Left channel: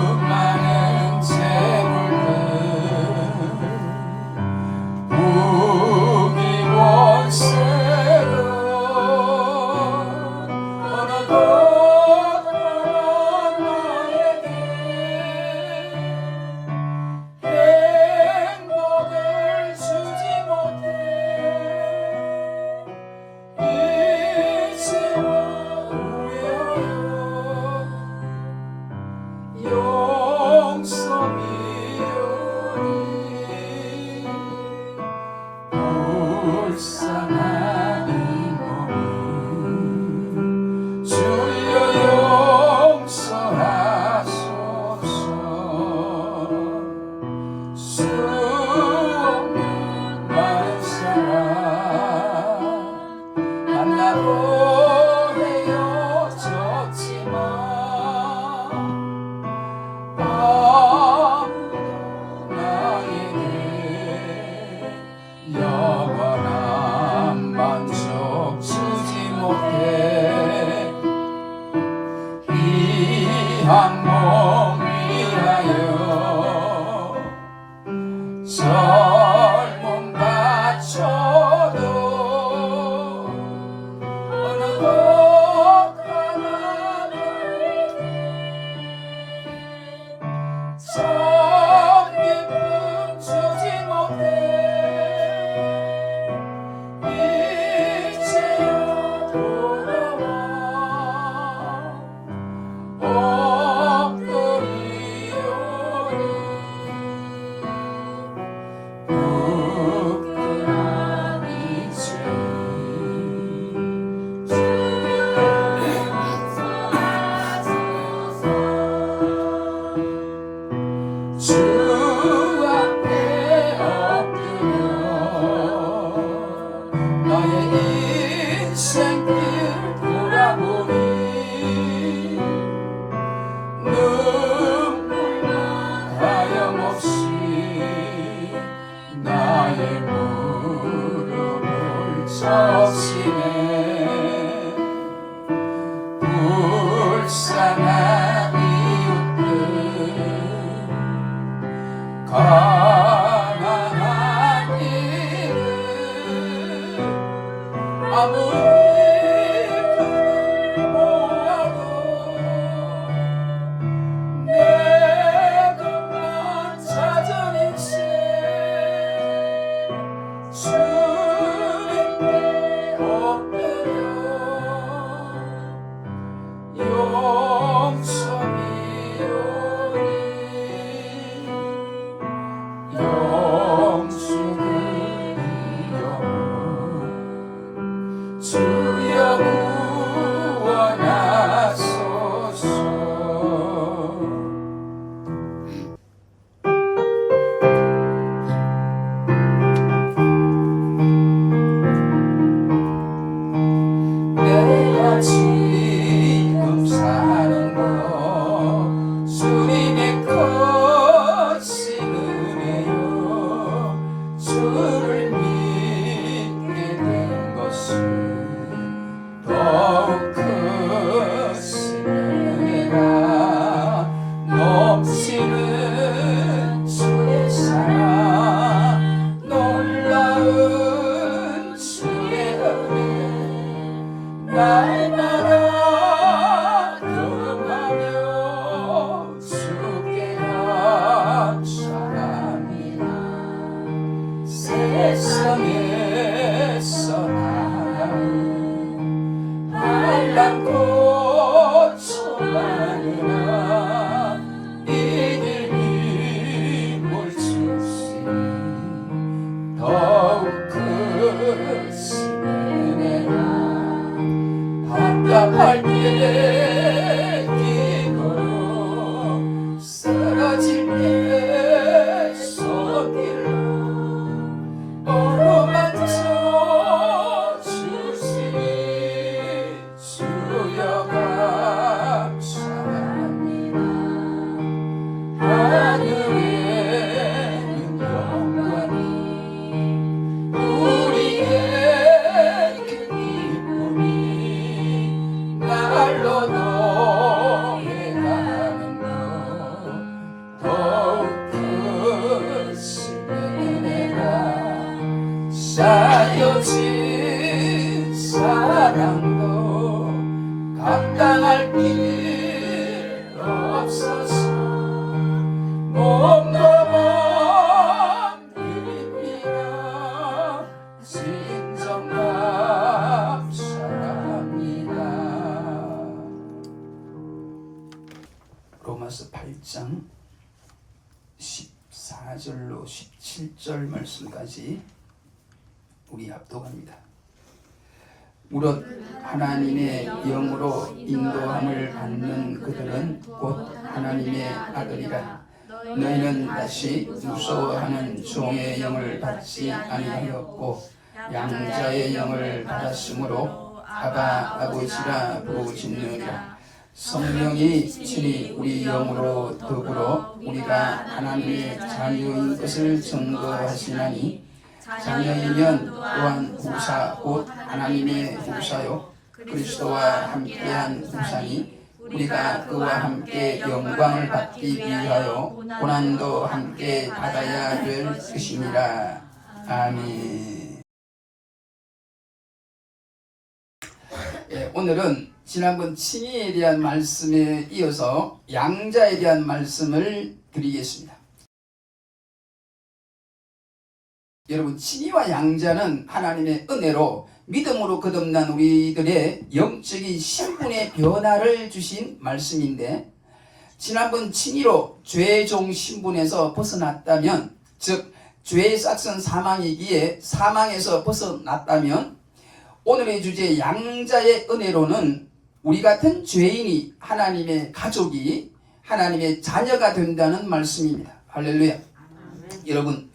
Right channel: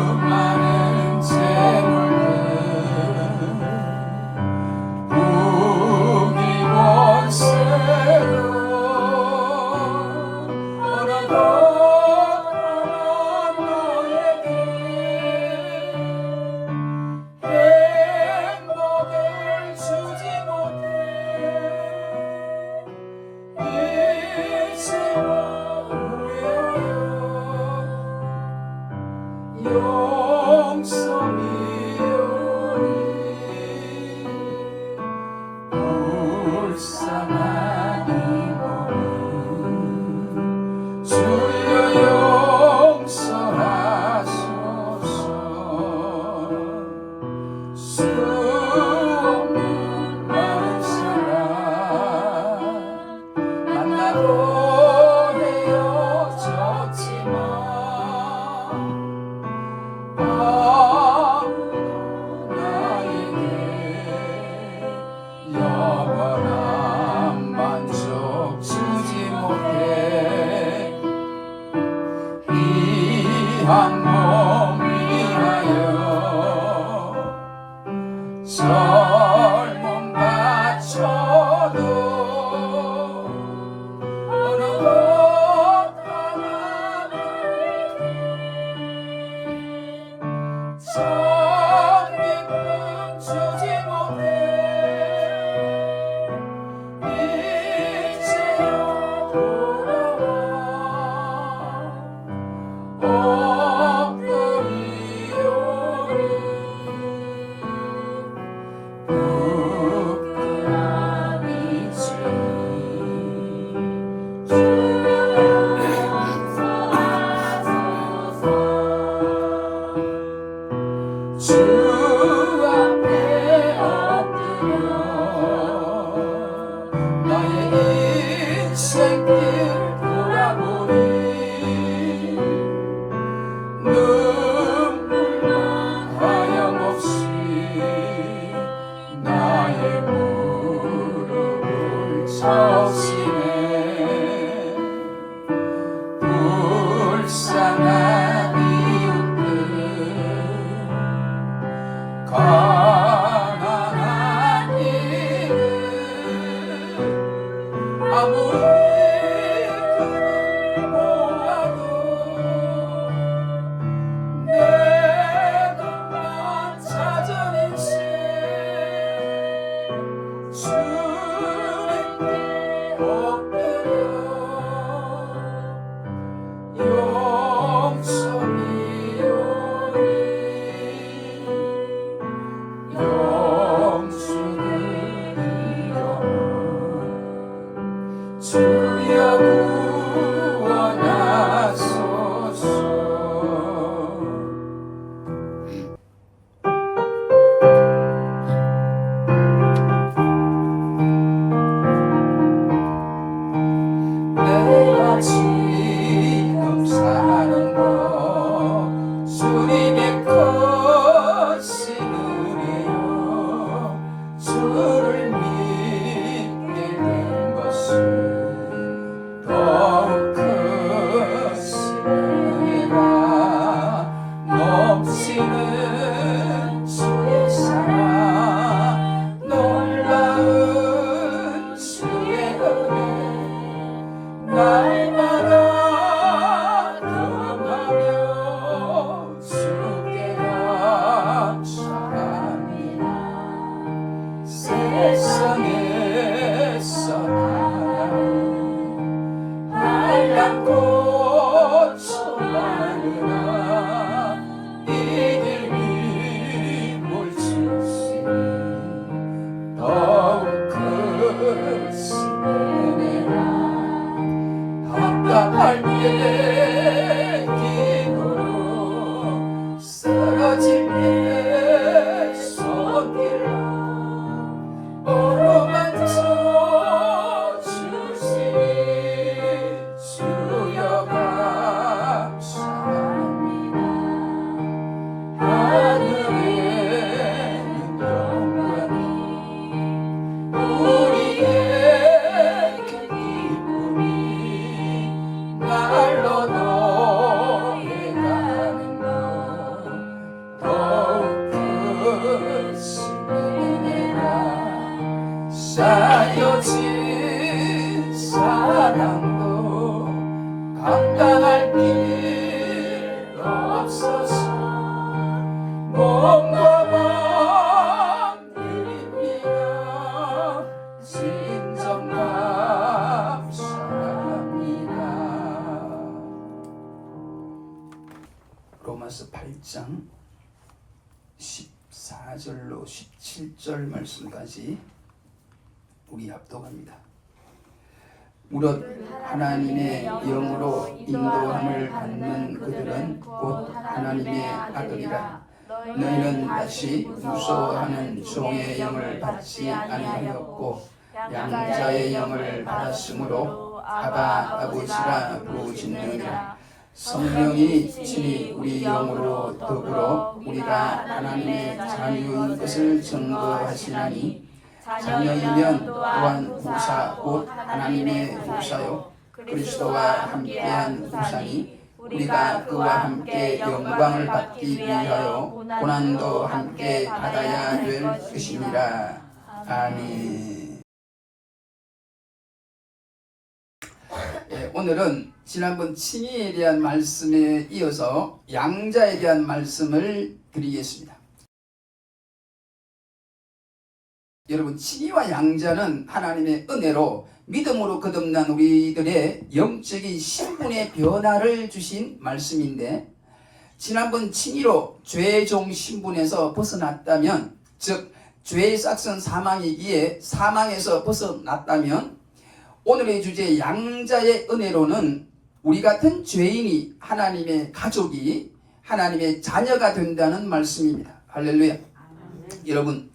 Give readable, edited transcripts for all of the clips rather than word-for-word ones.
수많은 재물들 무기원세로 어느덧 너에게 행복을 주지 못해 이제와 후회하여 용서미오리 불쌍한 이 몸 주여 용서하소서 수 없는 많은 사랑 만나고 헤어졌지만 아무도 나에게 영원한 만족 주지 못해 이 한 몸 위하여 젊음 바쳐도 어느덧 하나님께 참 기쁨 주지 못해 이제야 돌아와 엎드리오리 부끄러운 이 죄 주 앞에 엎드려 나의 인생길 돌아보니 눈물만 하염없이 나의 무릎을 적시네 불쌍한 이웃들 가난한 이들 아무리 그를 보아도 내 것만 찾은 인생 주님께 엎드려 용서미오리 영주님이여 주여 구원하소서 내가 지금 사는 것 주님의 크신 은혜요 주를 믿게 된 것은 더욱 크신 은혜라 넘치는 주의 사랑 놀라운 주의 은혜 날마다 경험하며 주께 감사합니다 세상에서 한량 꽃이 많으나 이들 힘을 주시 더욱 크신 은혜라 답답할 때 기도로 쓰러질 때 손길로 어루만져 주시니 주여 감사합니다 하늘에는 영광이 우리의 그 기쁨이 나 감당할 길 없어서 몸과 마음 드립니다. 진정 감사합니다. 로마서 8장 14절로 17절 말씀까지 우리 합독합니다. 무릇 하나님의 영으로 인도함을 받는 그들은 곧 하나님의 아들이라. 너희는 다시 무서워하는 종의 영을 받지 아니하였고 양자의 영을 받았으므로 아바 아버지라 부르짖느니라. 성령이 친히 우리 영으로 더불어 우리가 하나님의 자녀인 것을 증거하시나니 자녀이면 또한 후사 곧 하나님의 후사요 그리스도와 함께한 후사니 우리가 그와 함께 영광을 받기 위하여 고난도 함께 받아야 될 것이니라. 아멘. 오늘은 지난번 칭의에 대한 말씀에 이어서 양자에 대한 말씀을 드리겠습니다. 여러분, 칭의와 양자는 하나님의 은혜로 믿음으로 거듭난 우리들의 영적인 신분의 변화를 주신 말씀인데, 지난번 칭의로 죄의 종 신분에서 벗어났다면, 즉 죄의 싹슨 사망이기에 사망에서 벗어났다면, 오늘의 주제 양자의 은혜로는 우리 같은 죄인이 하나님의 가족이 하나님의 자녀가 된다는 말씀입니다. 할렐루야. 여러분,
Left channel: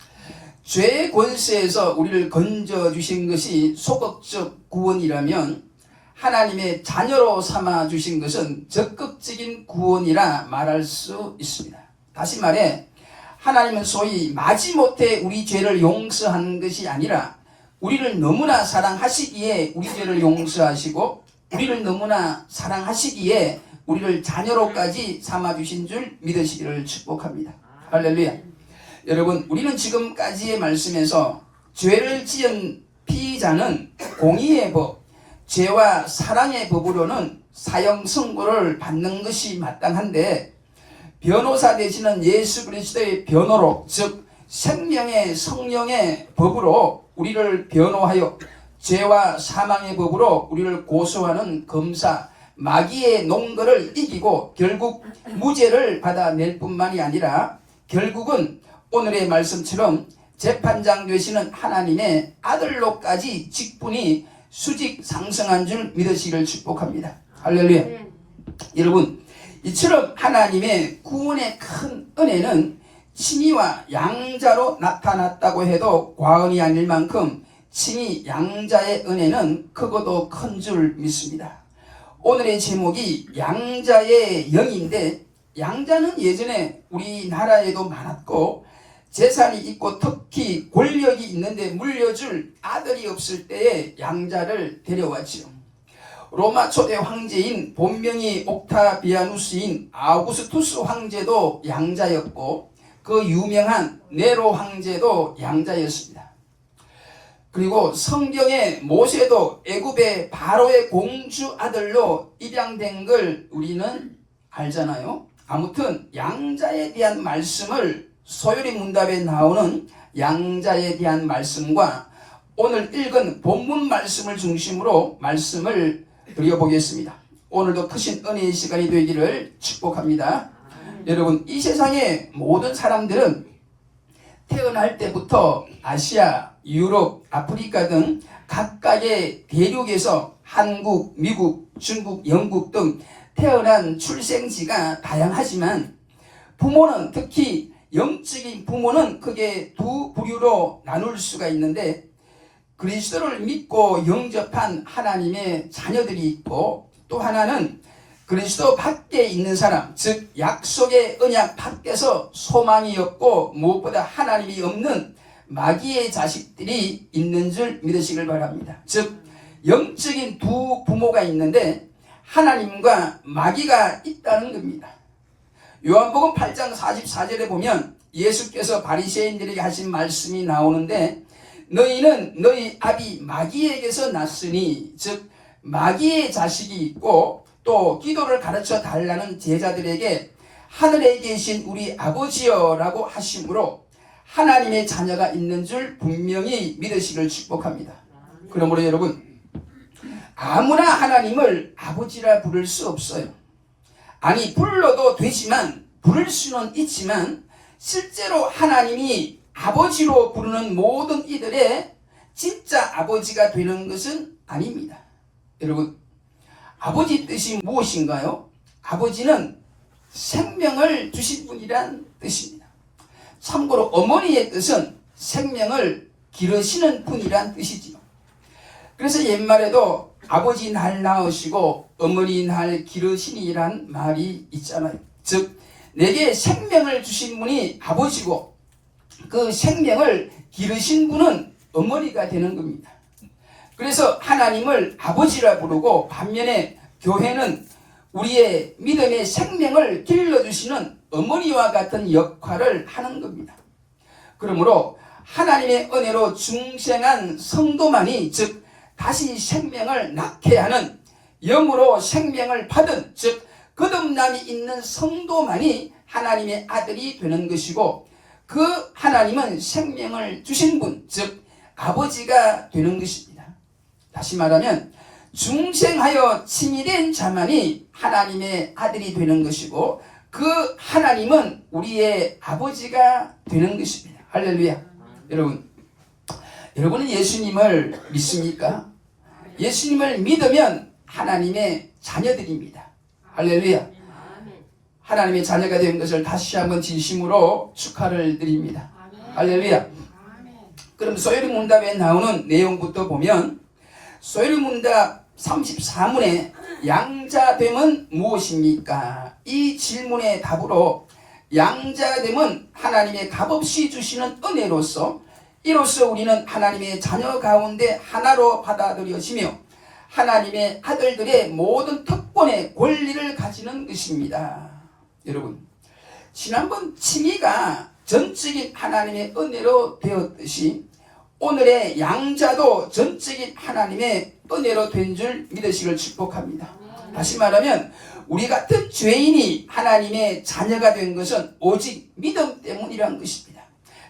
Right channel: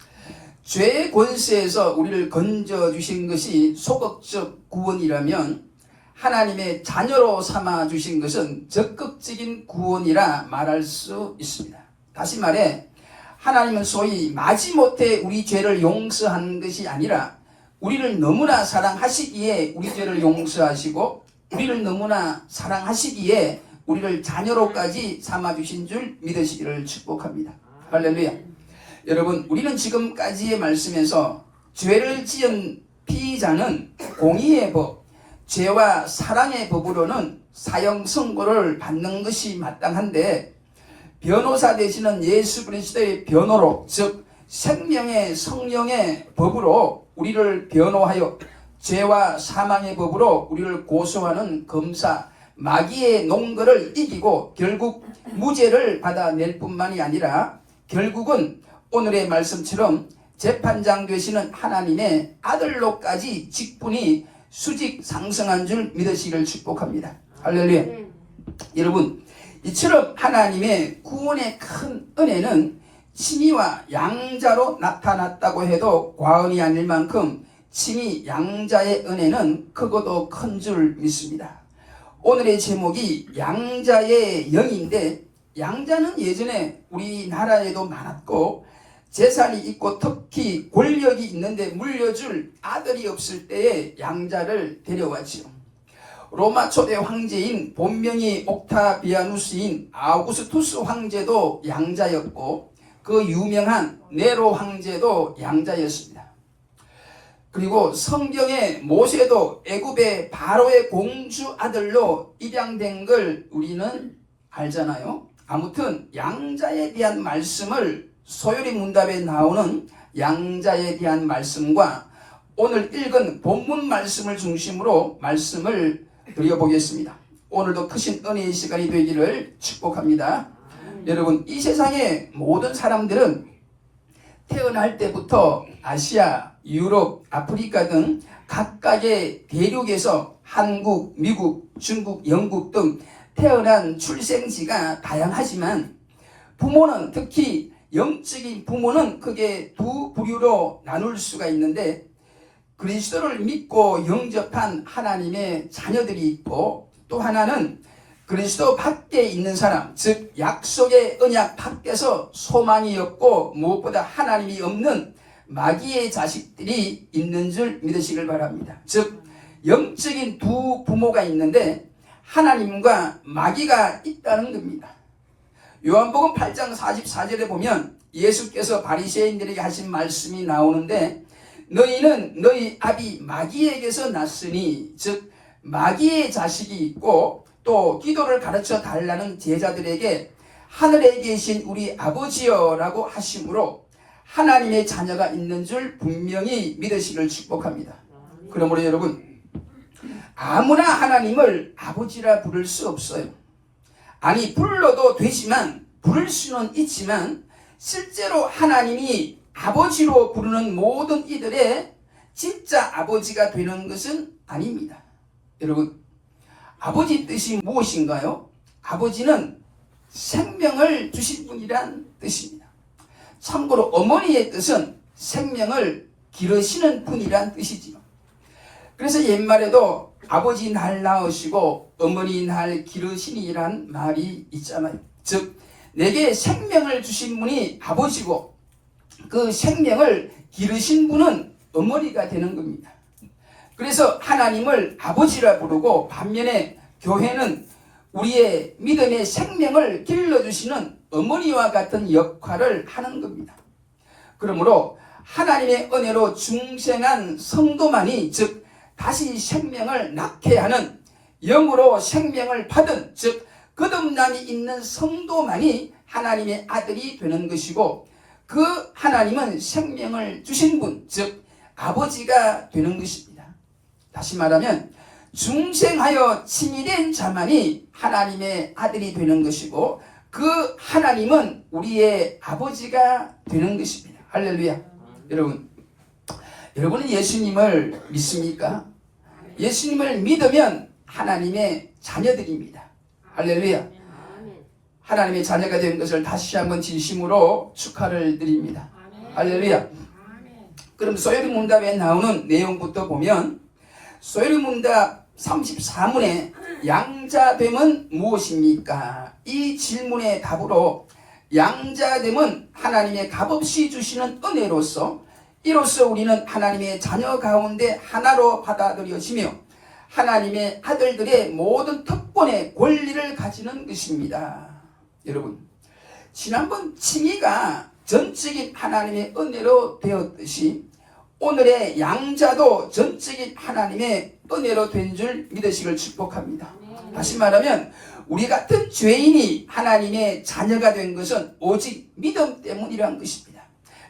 죄의 권세에서 우리를 건져주신 것이 소극적 구원이라면 하나님의 자녀로 삼아주신 것은 적극적인 구원이라 말할 수 있습니다. 다시 말해 하나님은 소위 마지못해 우리 죄를 용서한 것이 아니라 우리를 너무나 사랑하시기에 우리 죄를 용서하시고 우리를 너무나 사랑하시기에 우리를 자녀로까지 삼아주신 줄 믿으시기를 축복합니다. 할렐루야. 여러분, 우리는 지금까지의 말씀에서 죄를 지은 피의자는 공의의 법, 죄와 사랑의 법으로는 사형 선고를 받는 것이 마땅한데 변호사 되시는 예수 그리스도의 변호로, 즉 생명의 성령의 법으로 우리를 변호하여 죄와 사망의 법으로 우리를 고소하는 검사, 마귀의 농거를 이기고 결국 무죄를 받아낼 뿐만이 아니라 결국은 오늘의 말씀처럼 재판장 되시는 하나님의 아들로까지 직분이 수직 상승한 줄 믿으시기를 축복합니다. 할렐루야. 여러분, 이처럼 하나님의 구원의 큰 은혜는 칭의와 양자로 나타났다고 해도 과언이 아닐 만큼 칭의 양자의 은혜는 크고도 큰 줄 믿습니다. 오늘의 제목이 양자의 영인데, 양자는 예전에 우리나라에도 많았고 재산이 있고 특히 권력이 있는데 물려줄 아들이 없을 때에 양자를 데려왔지요. 로마 초대 황제인 본명이 옥타비아누스인 아우구스투스 황제도 양자였고 그 유명한 네로 황제도 양자였습니다. 그리고 성경의 모세도 애굽의 바로의 공주 아들로 입양된 걸 우리는 알잖아요. 아무튼 양자에 대한 말씀을 소요리 문답에 나오는 양자에 대한 말씀과 오늘 읽은 본문 말씀을 중심으로 말씀을 드려보겠습니다. 오늘도 크신 은혜의 시간이 되기를 축복합니다. 여러분, 이 세상의 모든 사람들은 태어날 때부터 아시아, 유럽, 아프리카 등 각각의 대륙에서 한국, 미국, 중국, 영국 등 태어난 출생지가 다양하지만 부모는, 특히 영적인 부모는 크게 두 부류로 나눌 수가 있는데 그리스도를 믿고 영접한 하나님의 자녀들이 있고, 또 하나는 그리스도 밖에 있는 사람, 즉 약속의 언약 밖에서 소망이 없고 무엇보다 하나님이 없는 마귀의 자식들이 있는 줄 믿으시길 바랍니다. 즉 영적인 두 부모가 있는데 하나님과 마귀가 있다는 겁니다. 요한복음 8장 44절에 보면 예수께서 바리새인들에게 하신 말씀이 나오는데, 너희는 너희 아비 마귀에게서 났으니, 즉 마귀의 자식이 있고 또 기도를 가르쳐 달라는 제자들에게 하늘에 계신 우리 아버지여라고 하심으로 하나님의 자녀가 있는 줄 분명히 믿으시길 축복합니다. 그러므로 여러분, 아무나 하나님을 아버지라 부를 수 없어요. 아니, 불러도 되지만, 부를 수는 있지만 실제로 하나님이 아버지로 부르는 모든 이들의 진짜 아버지가 되는 것은 아닙니다. 여러분, 아버지 뜻이 무엇인가요? 아버지는 생명을 주신 분이란 뜻입니다. 참고로 어머니의 뜻은 생명을 기르시는 분이란 뜻이지요. 그래서 옛말에도 아버지 날 낳으시고 어머니 날 기르시니란 말이 있잖아요. 즉 내게 생명을 주신 분이 아버지고 그 생명을 기르신 분은 어머니가 되는 겁니다. 그래서 하나님을 아버지라 부르고 반면에 교회는 우리의 믿음의 생명을 길러주시는 어머니와 같은 역할을 하는 겁니다. 그러므로 하나님의 은혜로 중생한 성도만이 즉 다시 생명을 낳게 하는 영으로 생명을 받은 즉 거듭남이 있는 성도만이 하나님의 아들이 되는 것이고 그 하나님은 생명을 주신 분 즉 아버지가 되는 것입니다. 다시 말하면 중생하여 칭의된 자만이 하나님의 아들이 되는 것이고 그 하나님은 우리의 아버지가 되는 것입니다. 할렐루야. 여러분은 예수님을 믿습니까? 예수님을 믿으면 하나님의 자녀들입니다. 할렐루야. 하나님의 자녀가 된 것을 다시 한번 진심으로 축하를 드립니다. 할렐루야. 그럼 소요리문답에 나오는 내용부터 보면 소요리문답 34문에 양자됨은 무엇입니까? 이 질문의 답으로 양자됨은 하나님의 값없이 주시는 은혜로서 이로써 우리는 하나님의 자녀 가운데 하나로 받아들여지며 하나님의 아들들의 모든 특권의 권리를 가지는 것입니다. 여러분, 지난번 칭의가 전적인 하나님의 은혜로 되었듯이 오늘의 양자도 전적인 하나님의 은혜로 된 줄 믿으시길 축복합니다. 다시 말하면 우리 같은 죄인이 하나님의 자녀가 된 것은 오직 믿음 때문이란 것입니다.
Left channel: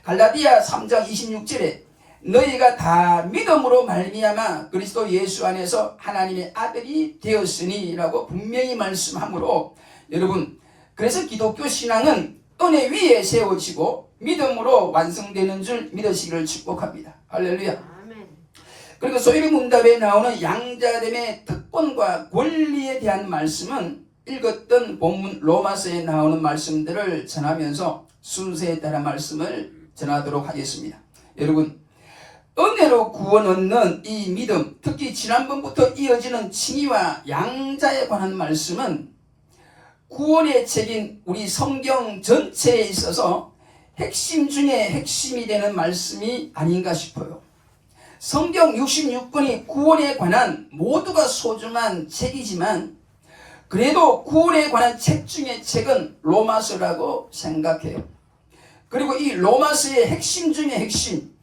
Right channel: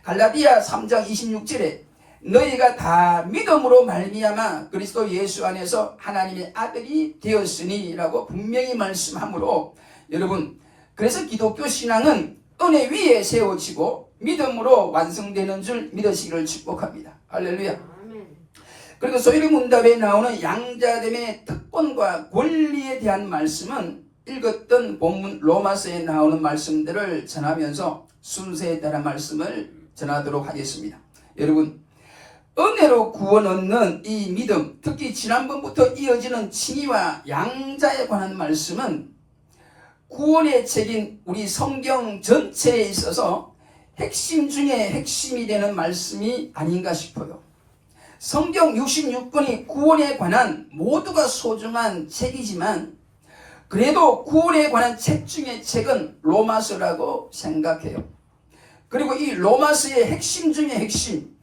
갈라디아 3장 26절에 너희가 다 믿음으로 말미암아 그리스도 예수 안에서 하나님의 아들이 되었으니 라고 분명히 말씀하므로 여러분, 그래서 기독교 신앙은 은혜 위에 세워지고 믿음으로 완성되는 줄 믿으시기를 축복합니다. 할렐루야. 그리고 소요리문답에 나오는 양자됨의 특권과 권리에 대한 말씀은 읽었던 본문 로마서에 나오는 말씀들을 전하면서 순서에 따라 말씀을 전하도록 하겠습니다. 여러분, 은혜로 구원 얻는 이 믿음, 특히 지난번부터 이어지는 칭의와 양자에 관한 말씀은 구원의 책인 우리 성경 전체에 있어서 핵심 중에 핵심이 되는 말씀이 아닌가 싶어요. 성경 66권이 구원에 관한 모두가 소중한 책이지만 그래도 구원에 관한 책 중에 책은 로마서라고 생각해요. 그리고 이 로마서의 핵심 중에 핵심,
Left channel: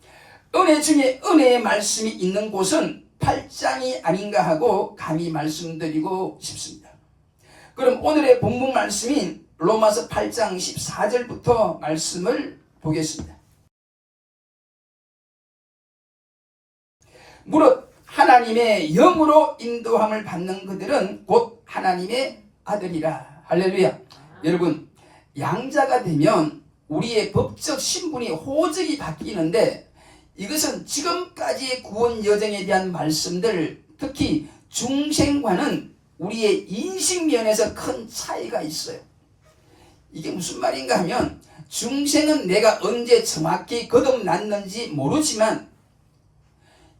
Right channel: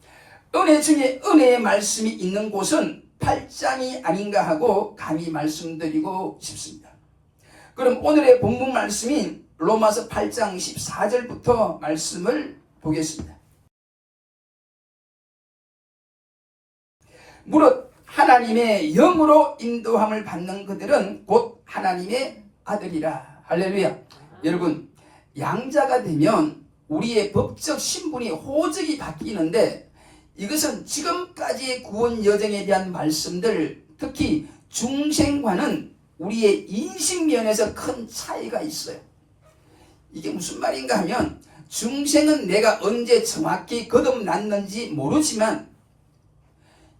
은혜 중에 은혜의 말씀이 있는 곳은 8장이 아닌가 하고 감히 말씀드리고 싶습니다. 그럼 오늘의 본문 말씀인 로마서 8장 14절부터 말씀을 보겠습니다. 무릇 하나님의 영으로 인도함을 받는 그들은 곧 하나님의 아들이라. 할렐루야. 여러분, 양자가 되면 우리의 법적 신분이 호적이 바뀌는데 이것은 지금까지의 구원 여정에 대한 말씀들, 특히 중생과는 우리의 인식면에서 큰 차이가 있어요. 이게 무슨 말인가 하면 중생은 내가 언제 정확히 거듭났는지 모르지만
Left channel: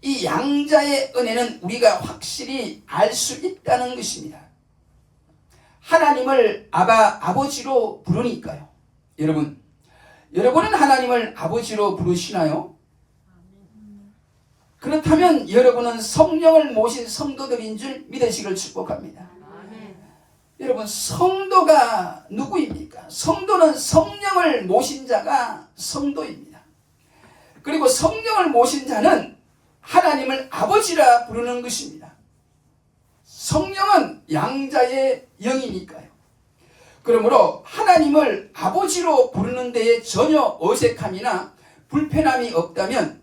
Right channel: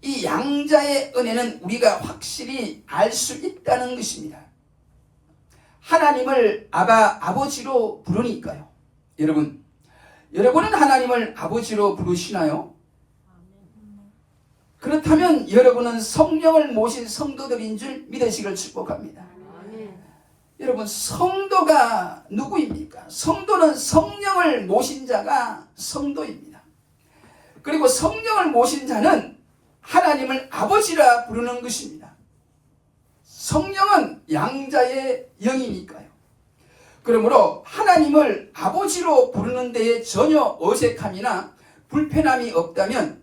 이 양자의 은혜는 우리가 확실히 알 수 있다는 것입니다. 하나님을 아버지로 부르니까요. 여러분은 하나님을 아버지로 부르시나요? 그렇다면 여러분은 성령을 모신 성도들인 줄 믿으시길 축복합니다. 여러분, 성도가 누구입니까? 성도는 성령을 모신 자가 성도입니다. 그리고 성령을 모신 자는 하나님을 아버지라 부르는 것입니다. 성령은 양자의 영이니까요. 그러므로 하나님을 아버지로 부르는 데에 전혀 어색함이나 불편함이 없다면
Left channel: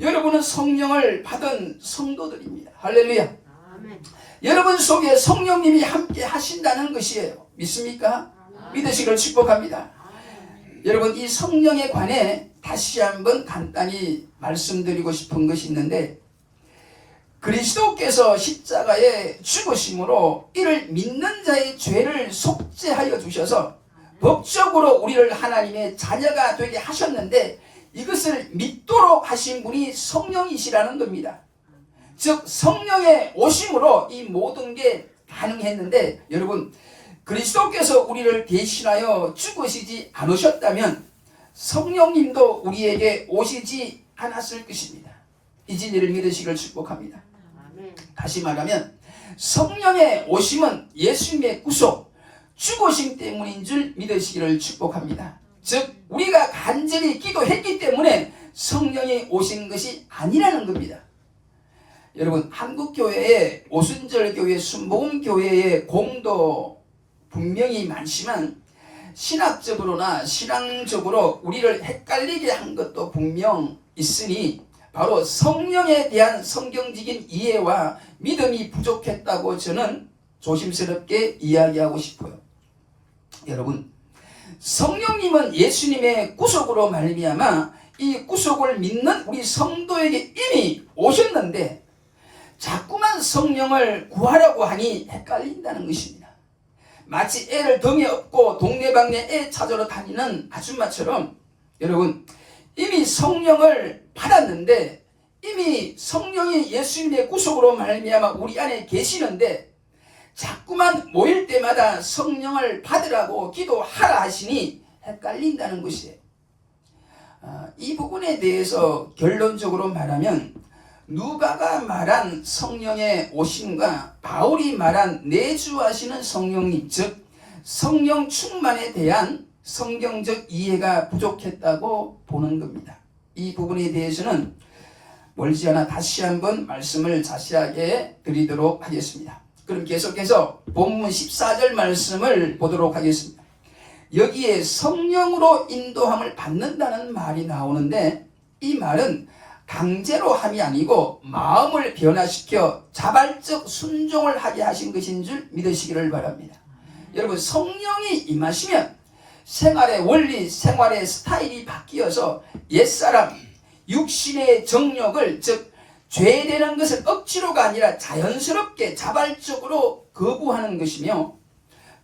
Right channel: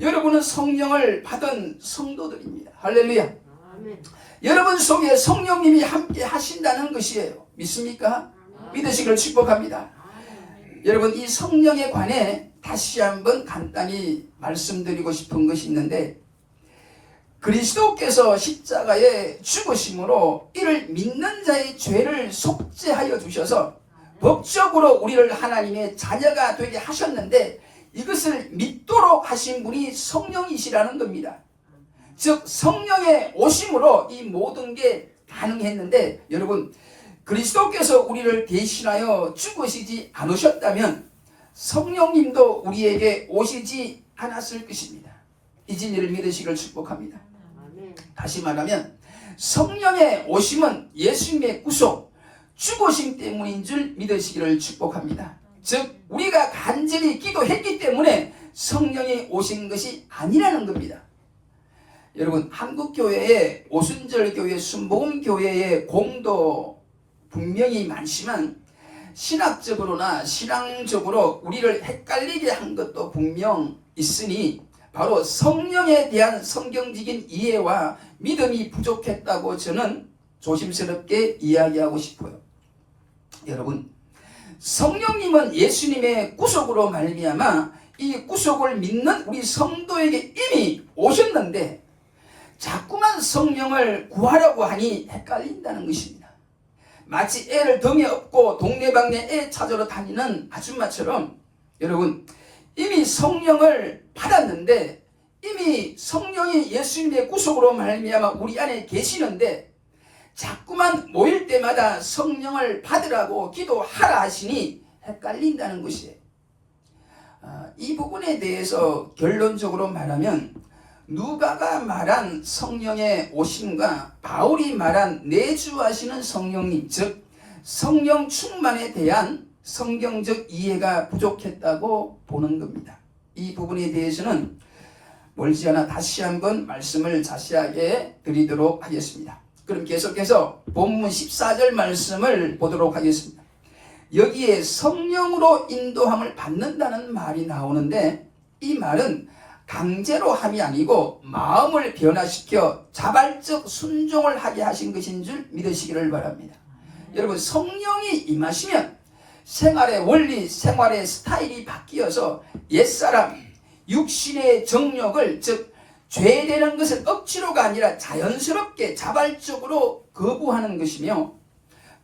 여러분은 성령을 받은 성도들입니다. 할렐루야. 아멘. 여러분 속에 성령님이 함께 하신다는 것이에요. 믿습니까? 믿으시길 축복합니다. 여러분, 이 성령에 관해 다시 한번 간단히 말씀드리고 싶은 것이 있는데, 그리스도께서 십자가에 죽으심으로 이를 믿는 자의 죄를 속죄하여 주셔서 법적으로 우리를 하나님의 자녀가 되게 하셨는데, 이것을 믿도록 하신 분이 성령이시라는 겁니다. 즉 성령의 오심으로 이 모든 게 가능했는데, 여러분, 그리스도께서 우리를 대신하여 죽으시지 않으셨다면 성령님도 우리에게 오시지 않았을 것입니다. 이 진리를 믿으시길 축복합니다. 다시 말하면 성령의 오심은 예수님의 구속, 죽으심 때문인 줄 믿으시기를 축복합니다. 즉 우리가 간절히 기도했기 때문에 성령이 오신 것이 아니라는 겁니다. 여러분, 한국교회에 오순절교회, 순복음교회의 공도 분명히 많지만 신학적으로나 신앙적으로 우리를 헷갈리게 한 것도 분명 있으니 바로 성령에 대한 성경적인 이해와 믿음이 부족했다고 저는 조심스럽게 이야기하고 싶어요. 여러분, 성령님은 예수님의 구속으로 말미암아 이 구속을 믿는 우리 성도에게 이미 오셨는데 자꾸만 성령을 구하라고 하니 헷갈린다는 것입니다. 마치 애를 등에 업고 동네방네 애 찾으러 다니는 아줌마처럼 여러분, 이미 성령을 받았는데 이미 성령이 예수님의 구속으로 말미암아 우리 안에 계시는데 자꾸만 모일 때마다 성령을 받으라고 기도하라 하시니 헷갈린다는 것이에요. 이 부분에 대해서 결론적으로 말하면 누가가 말한 성령의 오심과 바울이 말한 내주하시는 성령님, 즉 성령 충만에 대한 성경적 이해가 부족했다고 보는 겁니다. 이 부분에 대해서는 멀지 않아 다시 한번 말씀을 자세하게 드리도록 하겠습니다. 그럼 계속해서 본문 14절 말씀을 보도록 하겠습니다. 여기에 성령으로 인도함을 받는다는 말이 나오는데 이 말은 강제로 함이 아니고 마음을 변화시켜 자발적 순종을 하게 하신 것인 줄 믿으시기를 바랍니다. 여러분, 성령이 임하시면 생활의 원리, 생활의 스타일이 바뀌어서 옛사람, 육신의 정욕을, 즉 죄되는 것을 억지로가 아니라 자연스럽게 자발적으로 거부하는 것이며,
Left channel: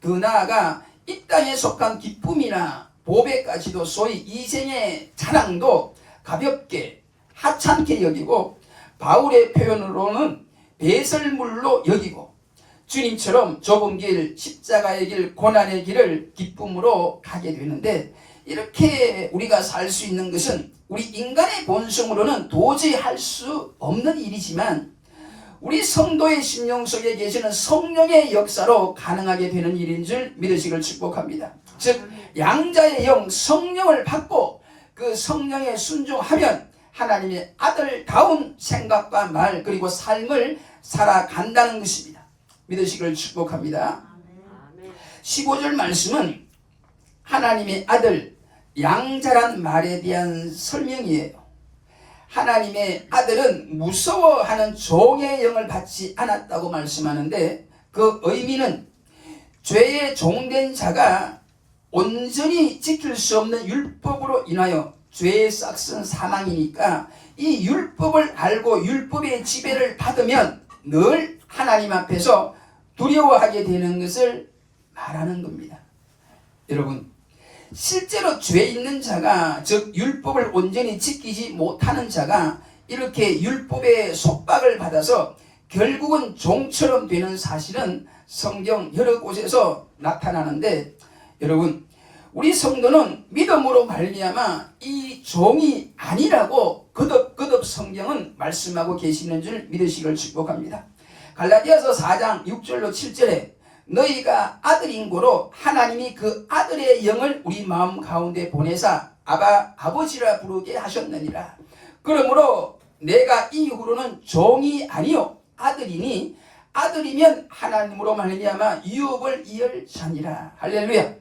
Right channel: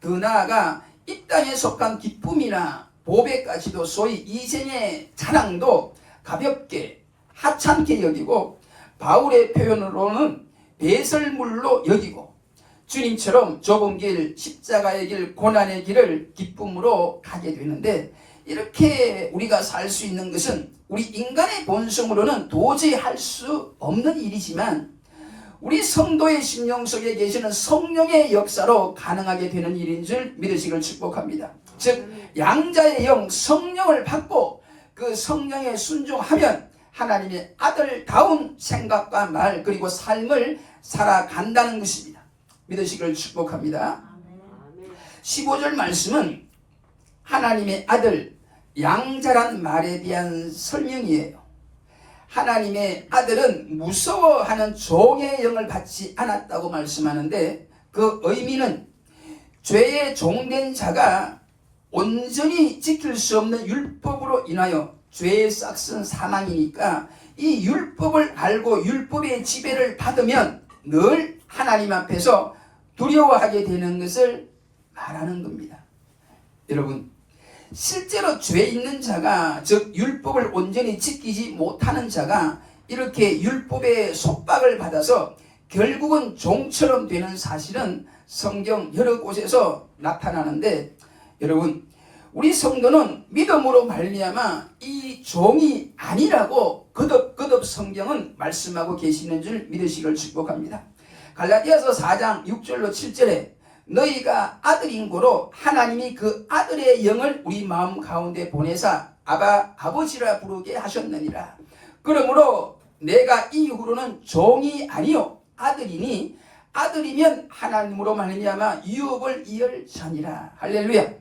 더 나아가 이 땅에 속한 기쁨이나 보배까지도 소위 이생의 자랑도 가볍게 하찮게 여기고 바울의 표현으로는 배설물로 여기고 주님처럼 좁은 길, 십자가의 길, 고난의 길을 기쁨으로 가게 되는데, 이렇게 우리가 살 수 있는 것은 우리 인간의 본성으로는 도저히 할 수 없는 일이지만 우리 성도의 심령 속에 계시는 성령의 역사로 가능하게 되는 일인 줄 믿으시길 축복합니다. 즉 양자의 영 성령을 받고 그 성령에 순종하면 하나님의 아들다운 생각과 말 그리고 삶을 살아간다는 것입니다. 믿으시기를 축복합니다. 15절 말씀은 하나님의 아들 양자란 말에 대한 설명이에요. 하나님의 아들은 무서워하는 종의 영을 받지 않았다고 말씀하는데 그 의미는 죄의 종된 자가 온전히 지킬 수 없는 율법으로 인하여 죄의 싹은 사망이니까 이 율법을 알고 율법의 지배를 받으면 늘 하나님 앞에서 두려워하게 되는 것을 말하는 겁니다. 여러분, 실제로 죄 있는 자가, 즉 율법을 온전히 지키지 못하는 자가 이렇게 율법의 속박을 받아서 결국은 종처럼 되는 사실은 성경 여러 곳에서 나타나는데, 여러분, 우리 성도는 믿음으로 말미암아 이 종이 아니라고 거듭 성경은 말씀하고 계시는 줄 믿으시길 축복합니다. 갈라디아서 4장 6절로 7절에 너희가 아들인 고로 하나님이 그 아들의 영을 우리 마음 가운데 보내사 아바 아버지라 부르게 하셨느니라. 그러므로 내가 이후로는 종이 아니요 아들이니 아들이면 하나님으로 말미암아 유업을 이을 자니라. 할렐루야.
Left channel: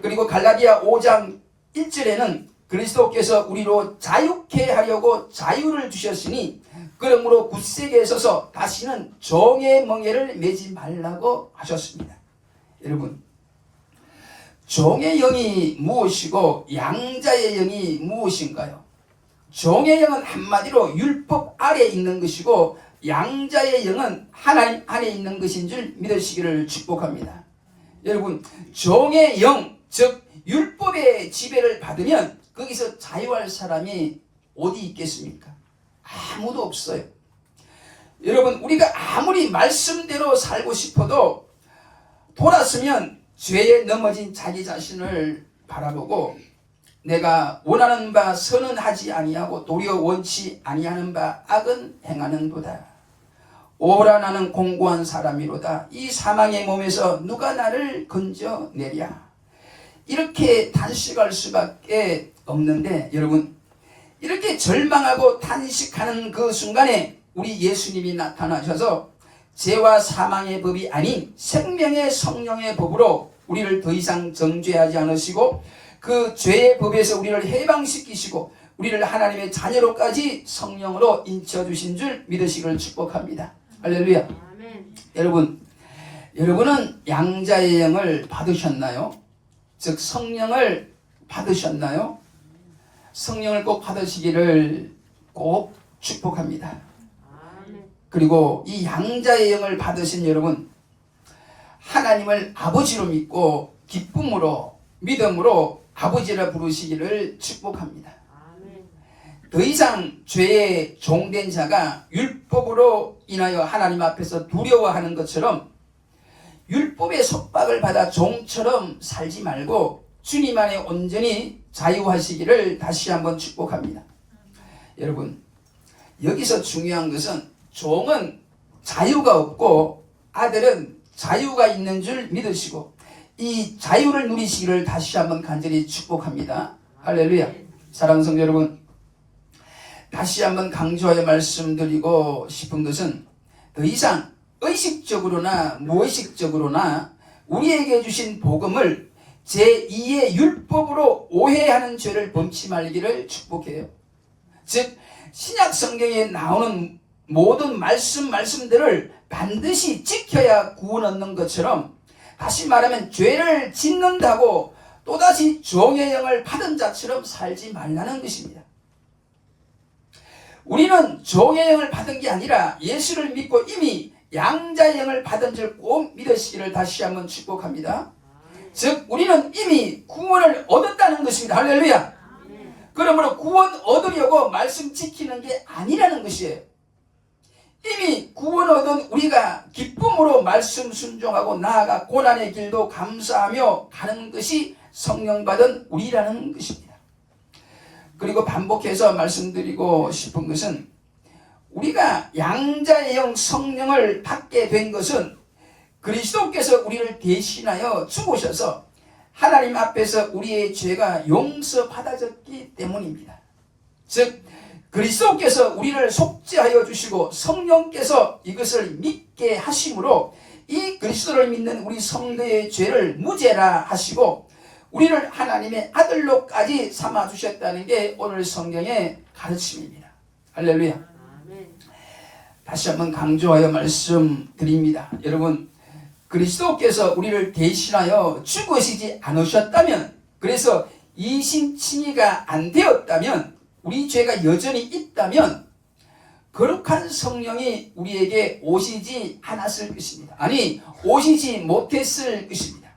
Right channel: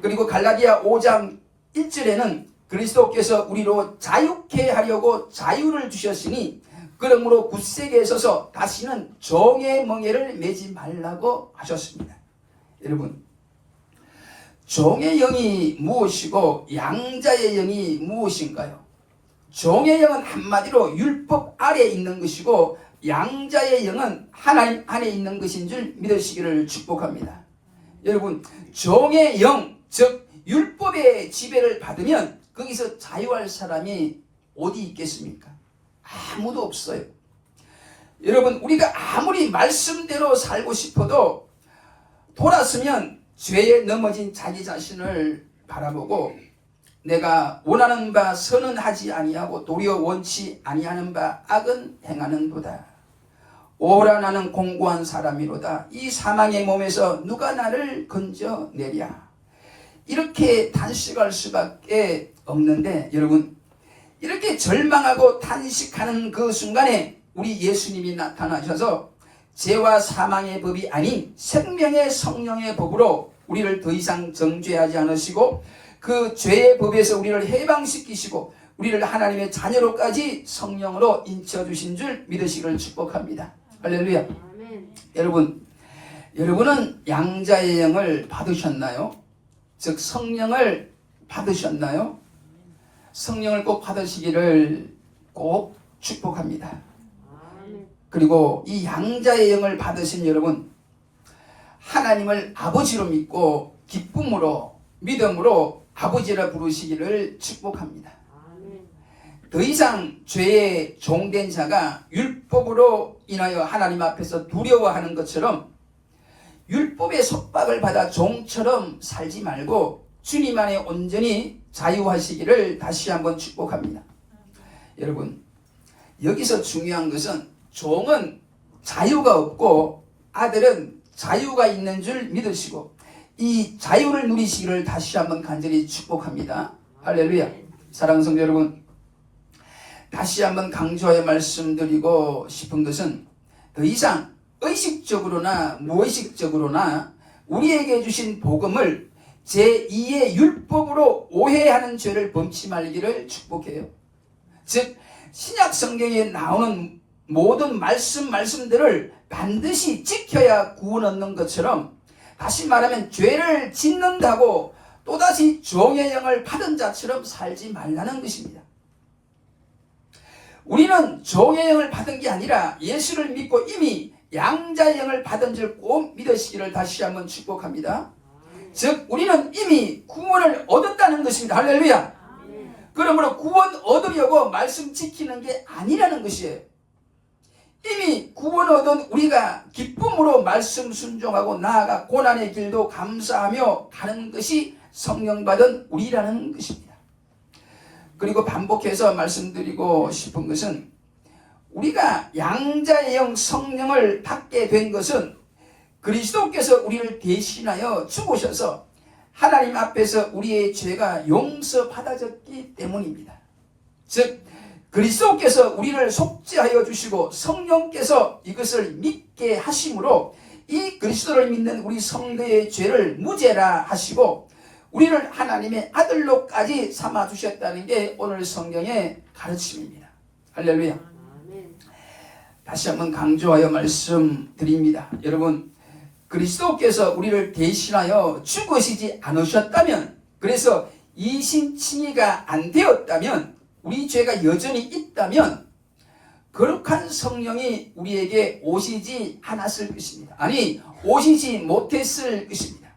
그리고 갈라디아 5장 1절에는 그리스도께서 우리로 자유케 하려고 자유를 주셨으니 그러므로 굳세게 서서 다시는 종의 멍에를 매지 말라고 하셨습니다. 여러분, 종의 영이 무엇이고 양자의 영이 무엇인가요? 종의 영은 한마디로 율법 아래에 있는 것이고 양자의 영은 하나님 안에 있는 것인 줄 믿으시기를 축복합니다. 여러분, 종의 영, 즉 율법의 지배를 받으면 거기서 자유할 사람이 어디 있겠습니까? 아무도 없어요. 여러분, 우리가 아무리 말씀대로 살고 싶어도 돌았으면 죄에 넘어진 자기 자신을 바라보고 내가 원하는 바 선은 하지 아니하고 도리어 원치 아니하는 바 악은 행하는도다. 오라 나는 공고한 사람이로다. 이 사망의 몸에서 누가 나를 건져내랴. 이렇게 단식할 수밖에 없는데 여러분, 이렇게 절망하고 단식하는 그 순간에 우리 예수님이 나타나셔서 죄와 사망의 법이 아닌 생명의 성령의 법으로 우리를 더 이상 정죄하지 않으시고 그 죄의 법에서 우리를 해방시키시고 우리를 하나님의 자녀로까지 성령으로 인쳐주신 줄 믿으시기를 축복합니다. 할렐루야. 여러분은 양자의 영을 받으셨나요? 즉 성령을 받으셨나요? 성령을 꼭 받으시기를 꼭 축복합니다. 그리고 이 양자의 영을 받으신 여러분, 하나님을 아버지로 믿고 기쁨으로 믿음으로 아버지라 부르시기를 축복합니다. 더 이상 죄의 종된 자가 율법으로 인하여 하나님 앞에서 두려워하는 것처럼 율법의 속박을 받아 종처럼 살지 말고 주님 안에 온전히 자유하시기를 다시 한번 축복합니다. 여러분, 여기서 중요한 것은 종은 자유가 없고 아들은 자유가 있는 줄 믿으시고 이 자유를 누리시기를 다시 한번 간절히 축복합니다. 할렐루야. 사랑하는 성도 여러분, 다시 한번 강조하여 말씀드리고 싶은 것은 더 이상 의식적으로나 무의식적으로나 우리에게 주신 복음을 제2의 율법으로 오해하는 죄를 범치 말기를 축복해요. 즉 신약 성경에 나오는 모든 말씀들을 반드시 지켜야 구원 얻는 것처럼, 다시 말하면 죄를 짓는다고 또다시 종의 영을 받은 자처럼 살지 말라는 것입니다. 우리는 종의 영을 받은 게 아니라 예수를 믿고 이미 양자의 영을 받은 줄 꼭 믿으시기를 다시 한번 축복합니다. 즉 우리는 이미 구원을 얻었다는 것입니다. 할렐루야. 그러므로 구원 얻으려고 말씀 지키는 게 아니라는 것이에요. 이미 구원 얻은 우리가 기쁨으로 말씀 순종하고 나아가 고난의 길도 감사하며 가는 것이 성령 받은 우리라는 것입니다. 그리고 반복해서 말씀드리고 싶은 것은 우리가 양자의 영 성령을 받게 된 것은 그리스도께서 우리를 대신하여 죽으셔서 하나님 앞에서 우리의 죄가 용서받아졌기 때문입니다. 즉 그리스도께서 우리를 속죄하여 주시고 성령께서 이것을 믿게 하심으로 이 그리스도를 믿는 우리 성도의 죄를 무죄라 하시고 우리를 하나님의 아들로까지 삼아주셨다는 게 오늘 성경의 가르침입니다. 할렐루야. 다시 한번 강조하여 말씀드립니다. 여러분, 그리스도께서 우리를 대신하여 죽으시지 않으셨다면, 그래서 이신칭의가 안 되었다면, 우리 죄가 여전히 있다면 거룩한 성령이 우리에게 오시지 않았을 것입니다. 아니, 오시지 못했을 것입니다.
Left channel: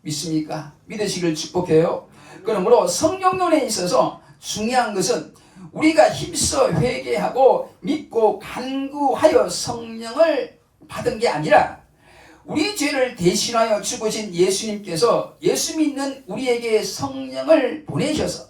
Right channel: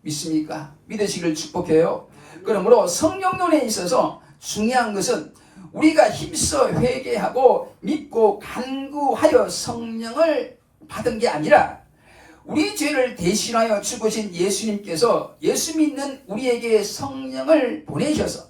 믿습니까? 믿으시길 축복해요. 그러므로 성령론에 있어서 중요한 것은 우리가 힘써 회개하고 믿고 간구하여 성령을 받은 게 아니라 우리 죄를 대신하여 죽으신 예수님께서 예수 믿는 우리에게 성령을 보내셔서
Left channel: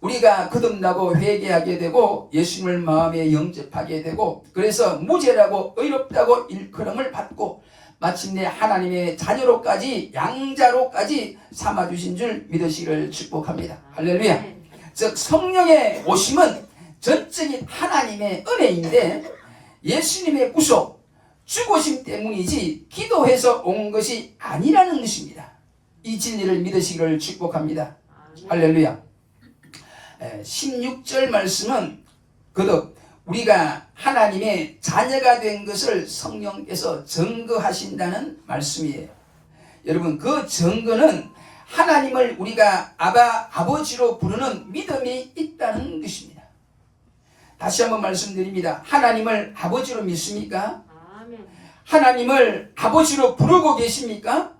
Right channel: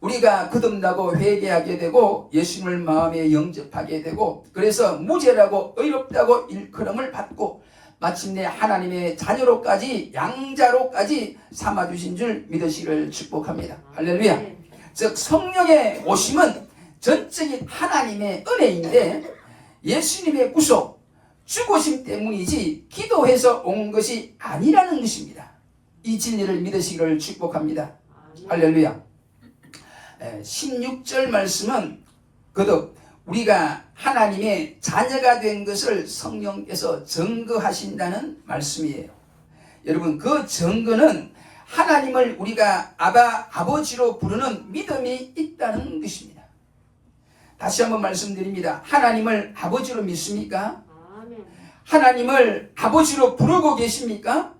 우리가 거듭나고 회개하게 되고 예수님을 마음에 영접하게 되고 그래서 무죄라고 의롭다고 일컬음을 받고 마침내 하나님의 자녀로까지 양자로까지 삼아주신 줄 믿으시기를 축복합니다. 할렐루야. 즉 성령의 오심은 전적인 하나님의 은혜인데 예수님의 구속, 죽으심 때문이지 기도해서 온 것이 아니라는 것입니다. 이 진리를 믿으시기를 축복합니다. 할렐루야. 16절 말씀은 거듭 우리가 하나님의 자녀가 된 것을 성령께서 증거하신다는 말씀이에요. 여러분, 그 증거는 하나님을 우리가 아버지로 부르는 믿음이 있다는 것입니다. 다시 한번 말씀드립니다. 하나님을 아버지로 믿습니까? 하나님을 아버지로 부르고 계십니까?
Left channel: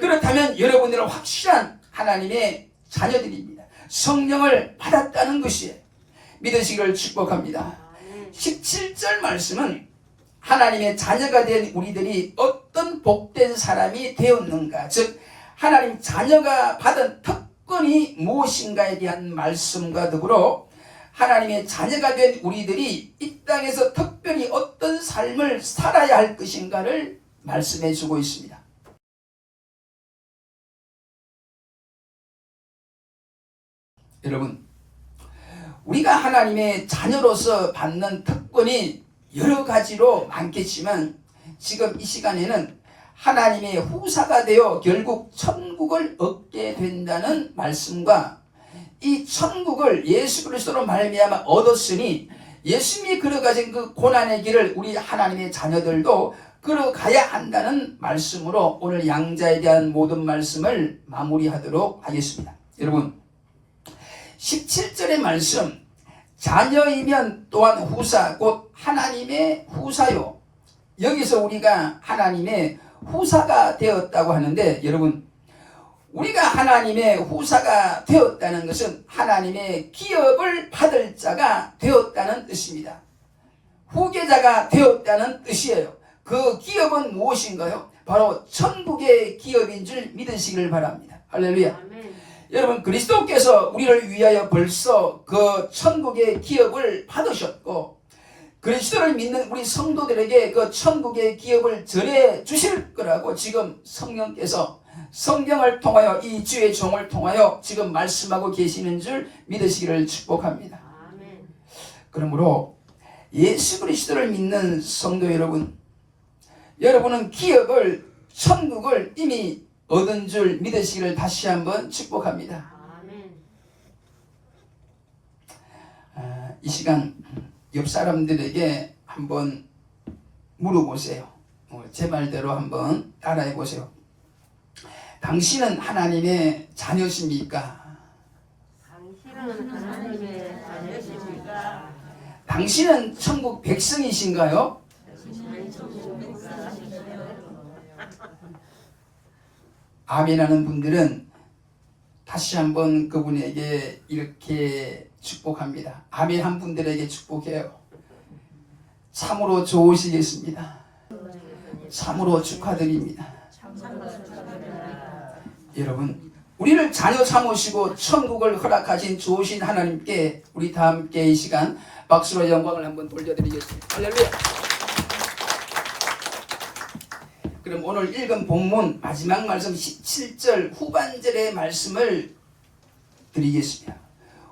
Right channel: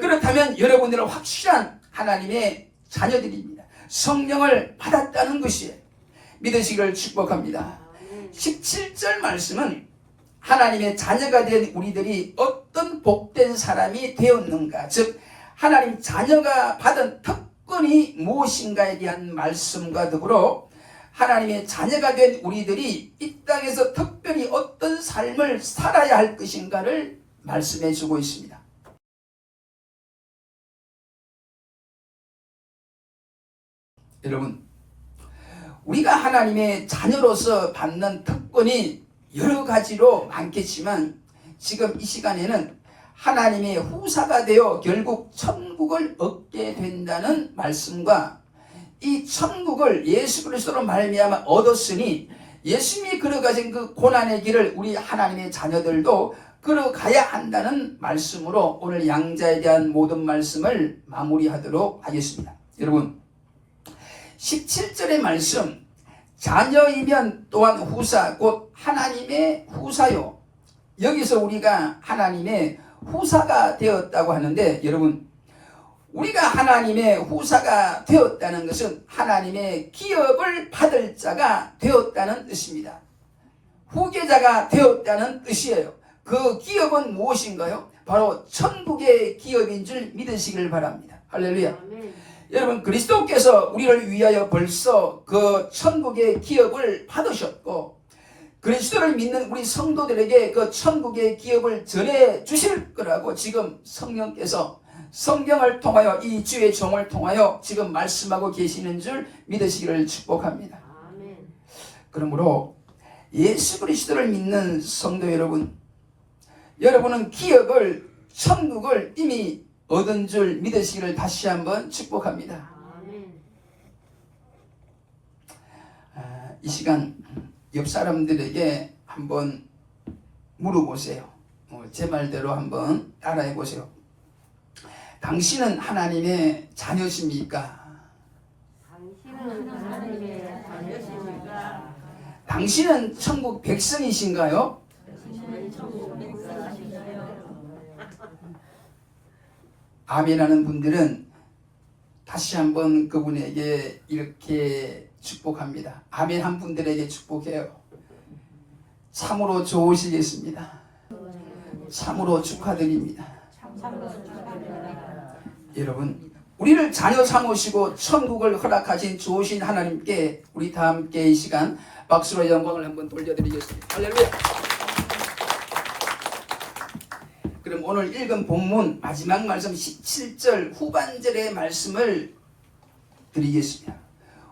그렇다면 여러분들은 확실한 하나님의 자녀들입니다. 성령을 받았다는 것이에요. 믿으시기를 축복합니다. 17절 말씀은 하나님의 자녀가 된 우리들이 어떤 복된 사람이 되었는가, 즉 하나님 자녀가 받은 특권이 무엇인가에 대한 말씀과 더불어 하나님의 자녀가 된 우리들이 이 땅에서 특별히 어떤 삶을 살아야 할 것인가를 말씀해 주고 있습니다. 여러분, 우리가 하나님의 자녀로서 받는 특권이 여러 가지로 많겠지만 지금 이 시간에는 하나님의 후사가 되어 결국 천국을 얻게 된다는 말씀과 이 천국을 예수 그리스도로 말미암아 얻었으니 예수님이 걸어가신 그 고난의 길을 우리 하나님의 자녀들도 걸어가야 한다는 말씀으로 오늘 양자에 대한 모든 말씀을 마무리하도록 하겠습니다. 여러분, 17절의 말씀, 자녀이면 또한 후사, 곧 하나님의 후사요. 여기서 우리가 하나님의 후사가 되었다고 하는데, 여러분, 우리가 하나님의 후사가 되었다는 것은 하나님의 기업을 받을 자가 되었다는 뜻입니다. 후계자가 되었다는 뜻이에요. 그 기업은 무엇인가요? 바로 천국의 기업인 줄 믿으시길 바랍니다. 할렐루야. 아멘. 여러분, 그리스도께서 우리를 위하여 벌써 그 천국의 기업을 받으셨고 그리스도를 믿는 우리 성도들에게 그 천국의 기업을 전해 주실 거라고 지금 성령께서 성경을 통하여 이 주의 종을 통하여 지금 말씀하고 계시는 줄 믿으시기를 축복합니다. 아멘. 그러므로 예수 그리스도를 믿는 성도 여러분, 여러분은 기업을, 천국을 이미 얻은 줄 믿으시기를 다시 한번 축복합니다. 이 시간 옆 사람들에게 한번 물어보세요. 제 말대로 한번 따라해 보세요. 당신은 하나님의 자녀십니까? 당신은 하나님의 자녀십니까? 당신은 천국 백성이신가요? 아멘하는 분들은 다시 한번 그분에게 이렇게 축복합니다. 아멘한 분들에게 축복해요. 참으로 좋으시겠습니다. 참으로 축하드립니다. 여러분, 우리를 자녀 삼으시고 천국을 허락하신 좋으신 하나님께 우리 다 함께 이 시간 박수로 영광을 한번 돌려드리겠습니다. 할렐루야. 그럼 오늘 읽은 본문 마지막 말씀 17절 후반절의 말씀을 드리겠습니다.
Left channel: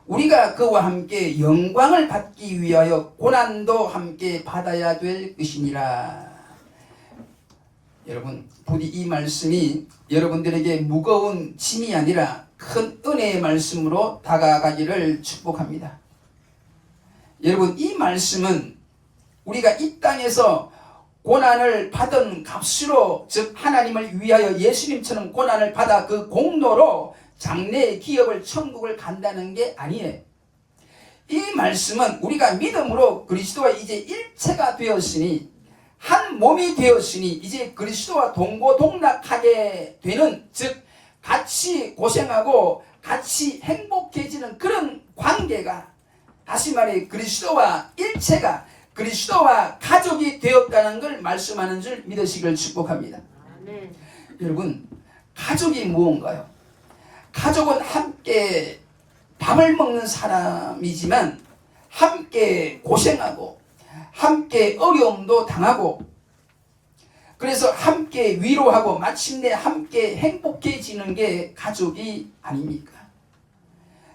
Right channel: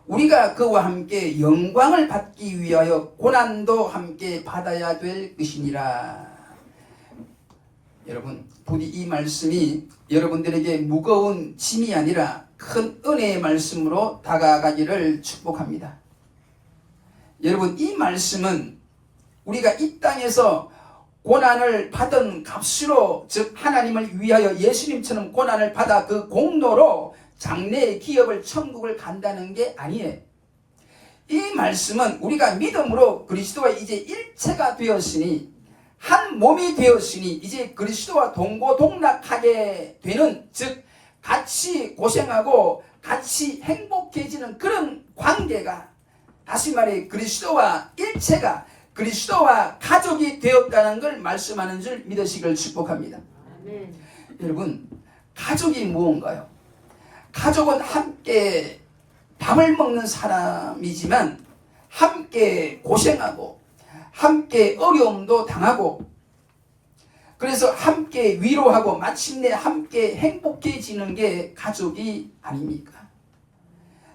우리가 그와 함께 영광을 받기 위하여 고난도 함께 받아야 될 것이니라. 여러분, 부디 이 말씀이 여러분들에게 무거운 짐이 아니라 큰 은혜의 말씀으로 다가가기를 축복합니다. 여러분, 이 말씀은 우리가 이 땅에서 고난을 받은 값으로, 즉 하나님을 위하여 예수님처럼 고난을 받아 그 공로로 장래의 기업을 천국을 간다는 게 아니에요. 이 말씀은 우리가 믿음으로 그리스도와 이제 일체가 되었으니, 한 몸이 되었으니 이제 그리스도와 동고동락하게 되는, 즉 같이 고생하고 같이 행복해지는 그런 관계가, 다시 말해 그리스도와 일체가, 그리스도와 가족이 되었다는 걸 말씀하는 줄 믿으시길 축복합니다. 아멘. 여러분, 가족이 무언가요? 가족은 함께 밥을 먹는 사람이지만 함께 고생하고 함께 어려움도 당하고, 그래서 함께 위로하고 마침내 함께 행복해지는 게 가족이 아닙니까?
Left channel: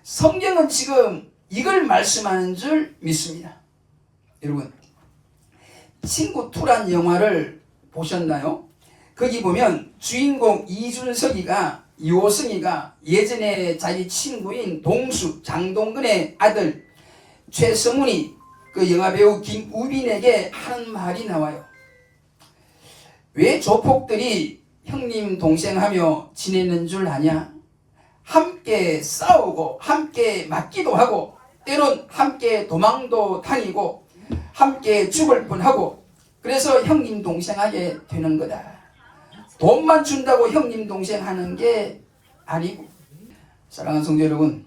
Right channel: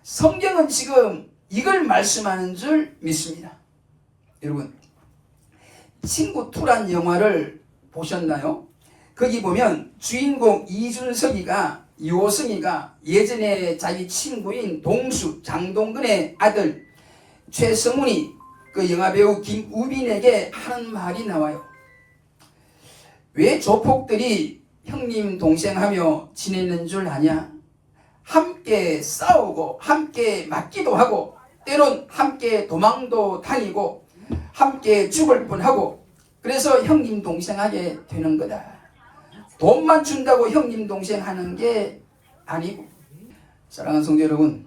성경은 지금 이걸 말씀하는 줄 믿습니다. 여러분, 친구 2란 영화를 보셨나요? 거기 보면 주인공 이준석이가 요승이가 예전에 자기 친구인 동수 장동근의 아들 최성훈이 그 영화배우 김우빈에게 하는 말이 나와요. 왜 조폭들이 형님 동생하며 지내는 줄 아냐? 함께 싸우고 함께 맞기도 하고 때론 함께 도망도 다니고 함께 죽을 뻔하고 그래서 형님 동생하게 되는 거다. 돈만 준다고 형님 동생 하는 게 아니고. 사랑하는 성도 여러분,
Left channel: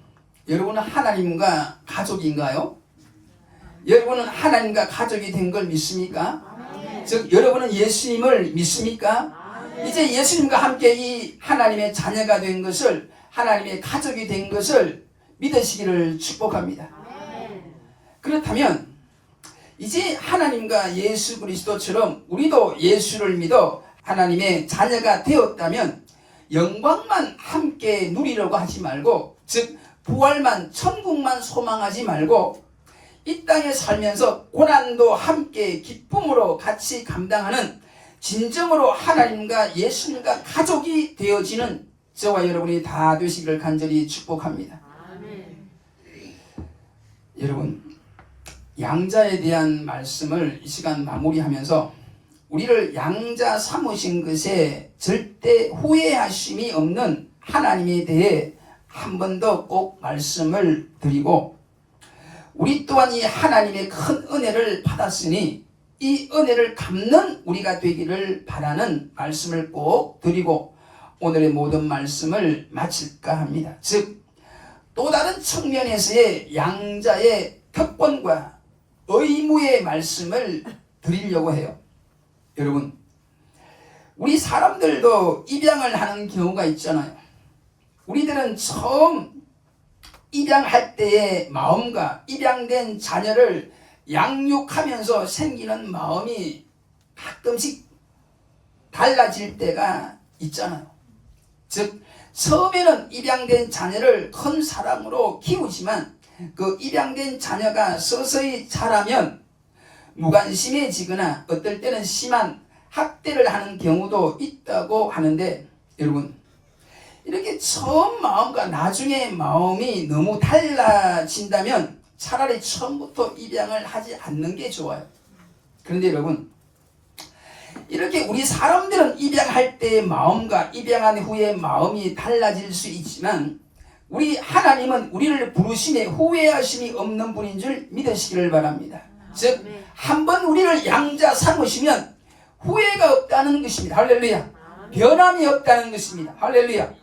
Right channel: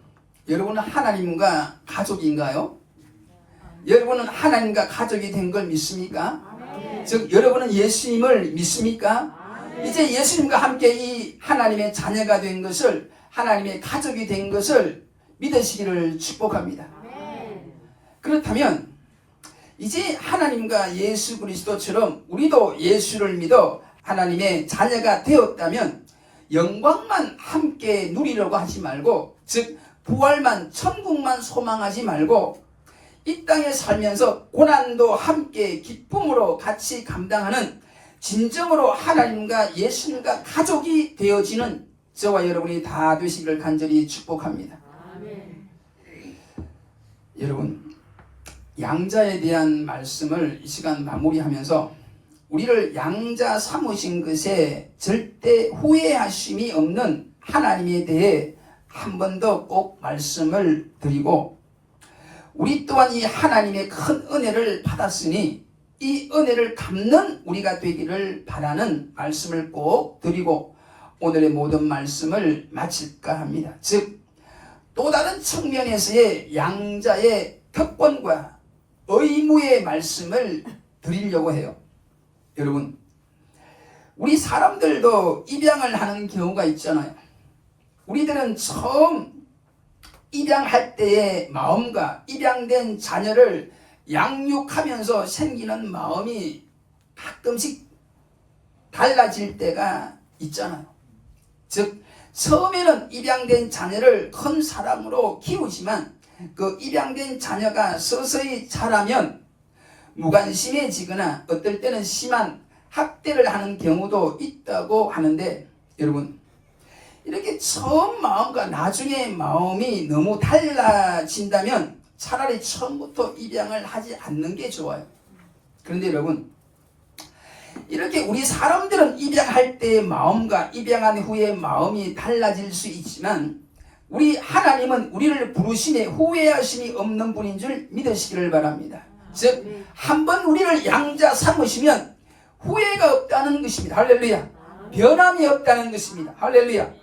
여러분은 하나님과 가족인가요? 여러분은 하나님과 가족이 된 걸 믿습니까? 즉 여러분은 예수님을 믿습니까? 이제 예수님과 함께 이 하나님의 자녀가 된 것을, 하나님의 가족이 된 것을 믿으시기를 축복합니다. 그렇다면 이제 하나님과 예수 그리스도처럼 우리도 예수를 믿어 하나님의 자녀가 되었다면 영광만 함께 누리려고 하지 말고, 즉 부활만, 천국만 소망하지 말고 이 땅에 살면서 고난도 함께 기쁨으로 같이 감당하는 진정으로 하나님과 예수님과 가족이 되어지는 저와 여러분이 다 되시기를 간절히 축복합니다. 여러분, 양자에 대한 말씀을 이 시간 마무리하면서 우리를 양자 삼으신 것에 절대 후회하심이 없는 하나님에 대해 한 번 더 꼭 말씀을 드리고, 우리 또한 이 하나님의 큰 은혜를 받았으니 이 은혜를 갚는 우리가 되기를 바라는 말씀을 꼭 드리고 오늘의 모든 말씀을 마칠까 합니다. 즉 또 다른 측면에서의 양자의 특권과 의무의 말씀을 드리려고 해요. 여러분, 우리 사람들도 입양을 하는 경우가 있잖아요. 우리들은 처음 입양할 때의 마음과 입양된 자녀를 양육하면서 생기는 마음이 가끔씩 달라질 때가 있잖아요. 즉 처음에는 입양된 자녀를 큰 사랑으로 키우지만 그 입양된 자녀가 서서히 자라면 무관심해지거나 어떨 때는 심한 학대를 하는 경우도 있다고 하는데, 여러분 이렇게 처음 마음과 나중에 마음이 너무 달라진다면 차라리 처음부터 입양을 하지 않는 게 좋아요. 그런데 여러분, 이렇게 우리 사람들은 입양할 때의 마음과 입양한 후의 마음이 달라질 수 있지만 우리 하나님은 우리를 부르심에 후회하심이 없는 분인 줄 믿으시기를 바랍니다. 즉 한번 우리를 양자 삼으시면 후회가 없다는 것입니다. 할렐루야. 변함이 없다는 것입니다. 할렐루야.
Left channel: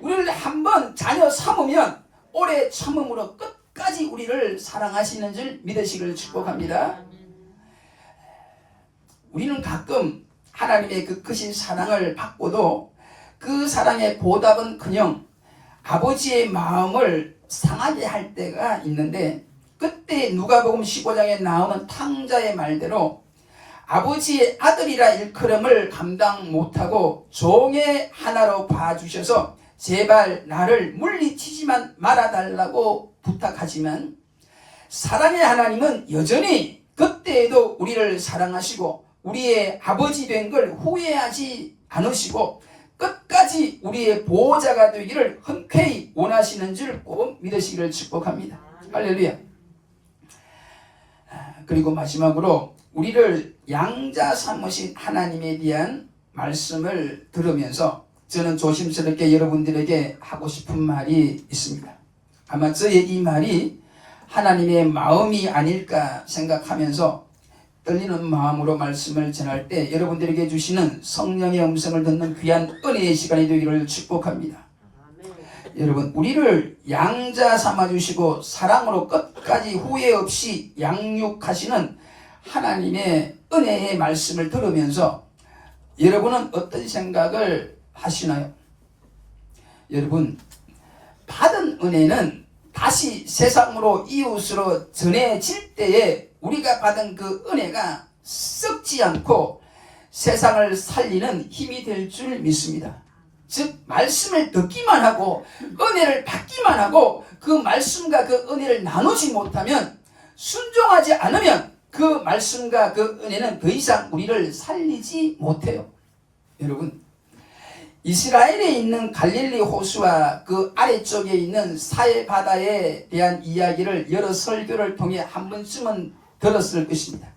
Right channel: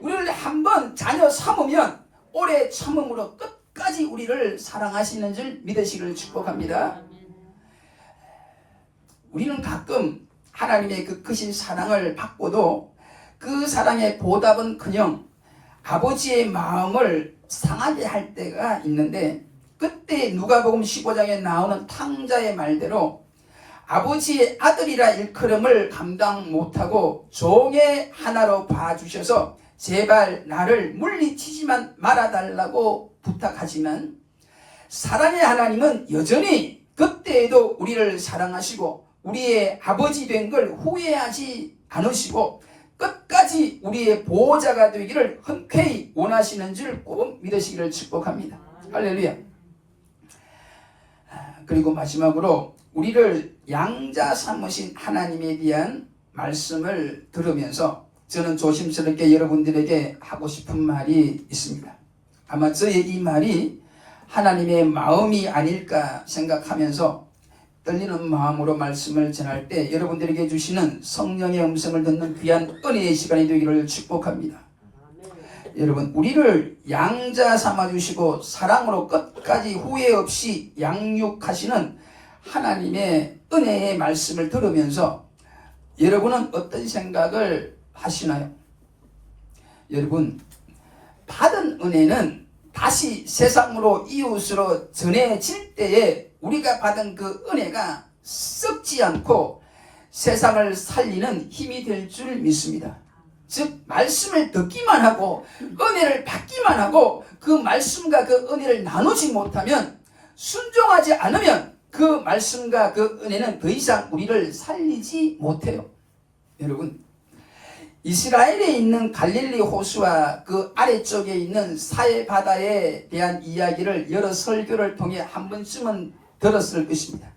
우리를 한번 자녀 삼으면 오래 참음으로 끝까지 우리를 사랑하시는 줄 믿으시기를 축복합니다. 우리는 가끔 하나님의 그 크신 사랑을 받고도 그 사랑의 보답은 그냥 아버지의 마음을 상하게 할 때가 있는데, 그때 누가복음 15장에 나오는 탕자의 말대로 아버지의 아들이라 일컬음을 감당 못하고 종의 하나로 봐주셔서 제발 나를 물리치지만 말아달라고 부탁하지만 사랑의 하나님은 여전히 그때에도 우리를 사랑하시고 우리의 아버지 된 걸 후회하지 않으시고 끝까지 우리의 보호자가 되기를 흔쾌히 원하시는 줄 꼭 믿으시기를 축복합니다. 할렐루야. 그리고 마지막으로 우리를 양자 삼으신 하나님에 대한 말씀을 들으면서 저는 조심스럽게 여러분들에게 하고 싶은 말이 있습니다. 아마 저의 이 말이 하나님의 마음이 아닐까 생각하면서 떨리는 마음으로 말씀을 전할 때 여러분들에게 주시는 성령의 음성을 듣는 귀한 은혜의 시간이 되기를 축복합니다. 여러분, 우리를 양자 삼아주시고 사랑으로 끝까지 후회 없이 양육하시는 하나님의 은혜의 말씀을 들으면서 여러분은 어떤 생각을 하시나요? 여러분, 받은 은혜는 다시 세상으로 이웃으로 전해질 때에 우리가 받은 그 은혜가 썩지 않고 세상을 살리는 힘이 될 줄 믿습니다. 즉 말씀을 듣기만 하고 은혜를 받기만 하고 그 말씀과 그 은혜를 나누지 못하면, 순종하지 않으면 그 말씀과 그 은혜는 더 이상 우리를 살리지 못해요. 여러분, 이스라엘에 있는 갈릴리 호수와 그 아래쪽에 있는 사해 바다에 대한 이야기를 여러 설교를 통해 한 번쯤은 들었을 것입니다.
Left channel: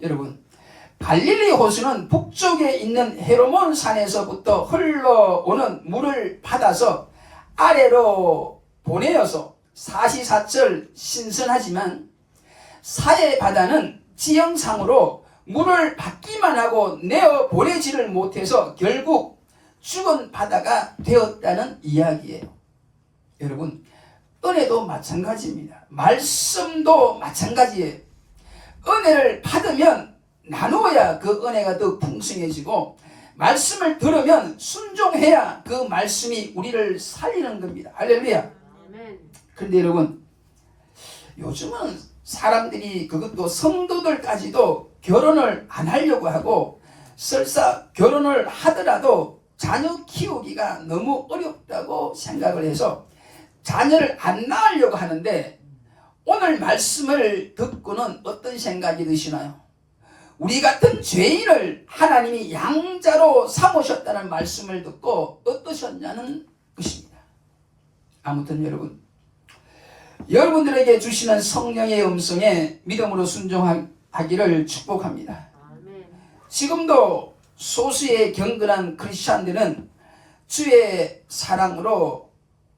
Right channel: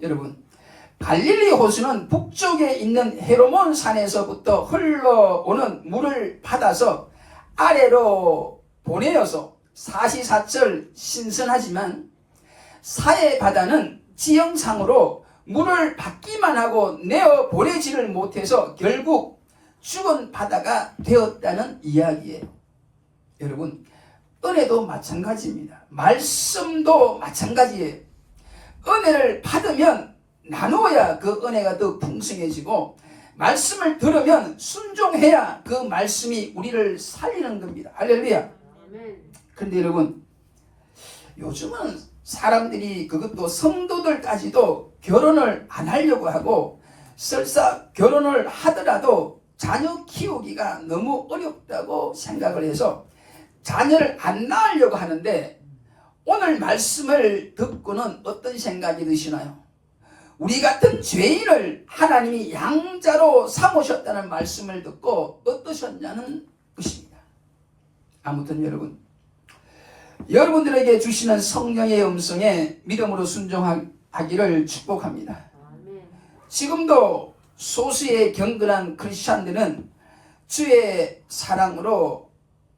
여러분, 갈릴리 호수는 북쪽에 있는 헤르몬 산에서부터 흘러오는 물을 받아서 아래로 보내어서 사시사철 신선하지만, 사해 바다는 지형상으로 물을 받기만 하고 내어 보내지를 못해서 결국 죽은 바다가 되었다는 이야기예요. 여러분, 은혜도 마찬가지입니다. 말씀도 마찬가지예요. 은혜를 받으면 나누어야 그 은혜가 더 풍성해지고, 말씀을 들으면 순종해야 그 말씀이 우리를 살리는 겁니다. 할렐루야. 그런데 여러분, 요즘은 사람들이, 그것도 성도들까지도 결혼을 안 하려고 하고, 설사 결혼을 하더라도 자녀 키우기가 너무 어렵다고 생각을 해서 자녀를 안 낳으려고 하는데, 오늘 말씀을 듣고는 어떤 생각이 드시나요? 우리 같은 죄인을 하나님이 양자로 삼으셨다는 말씀을 듣고 어떠셨냐는 것입니다. 아무튼 여러분들에게 주시는 성령의 음성에 믿음으로 순종하기를 축복합니다. 지금도 소수의 경건한 크리스찬들은 주의 사랑으로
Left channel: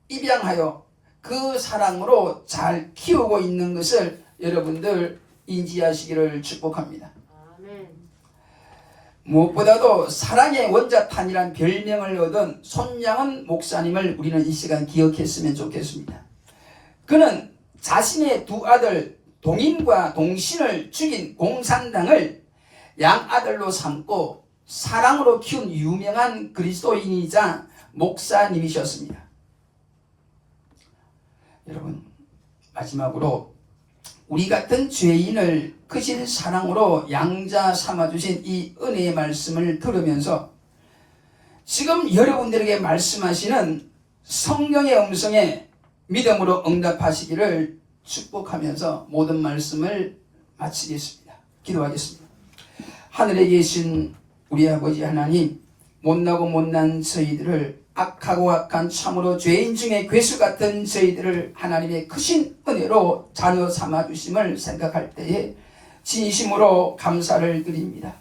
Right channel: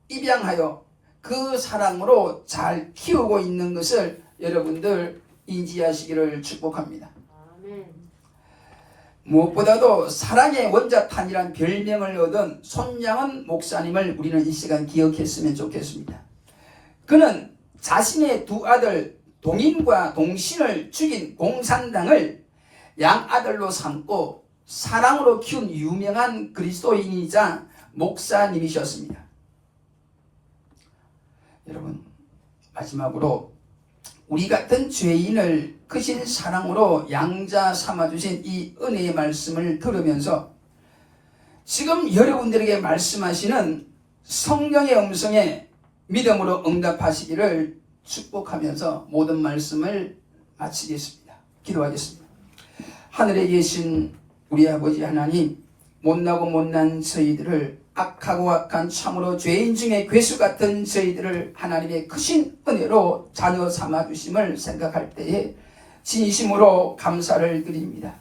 입양하여 그 사랑으로 잘 키우고 있는 것을 여러분들 인지하시기를 축복합니다. 무엇보다도 사랑의 원자탄이란 별명을 얻은 손양은 목사님을 우리는 이 시간 기억했으면 좋겠습니다. 그는 자신의 두 아들 동인과 동신을 죽인 공산당을 양아들로 삼고 사랑으로 키운 유명한 그리스도인이자 목사님이셨습니다. 여러분, 마지막으로 우리 같은 죄인을 크신 사랑으로 양자 삼아주신 이 은혜의 말씀을 들으면서 지금 여러분들에게 말씀하시는 성령의 음성에 믿음으로 응답하시기를 축복하면서 모든 말씀을 마치겠습니다. 기도하겠습니다. 하늘에 계신 우리 아버지 하나님, 못나고 못난 저희들을, 악하고 악한 참으로 죄인 중에 괴수 같은 저희들을 하나님의 크신 은혜로 자녀 삼아주심을 생각할 때에 진심으로 감사를 드립니다.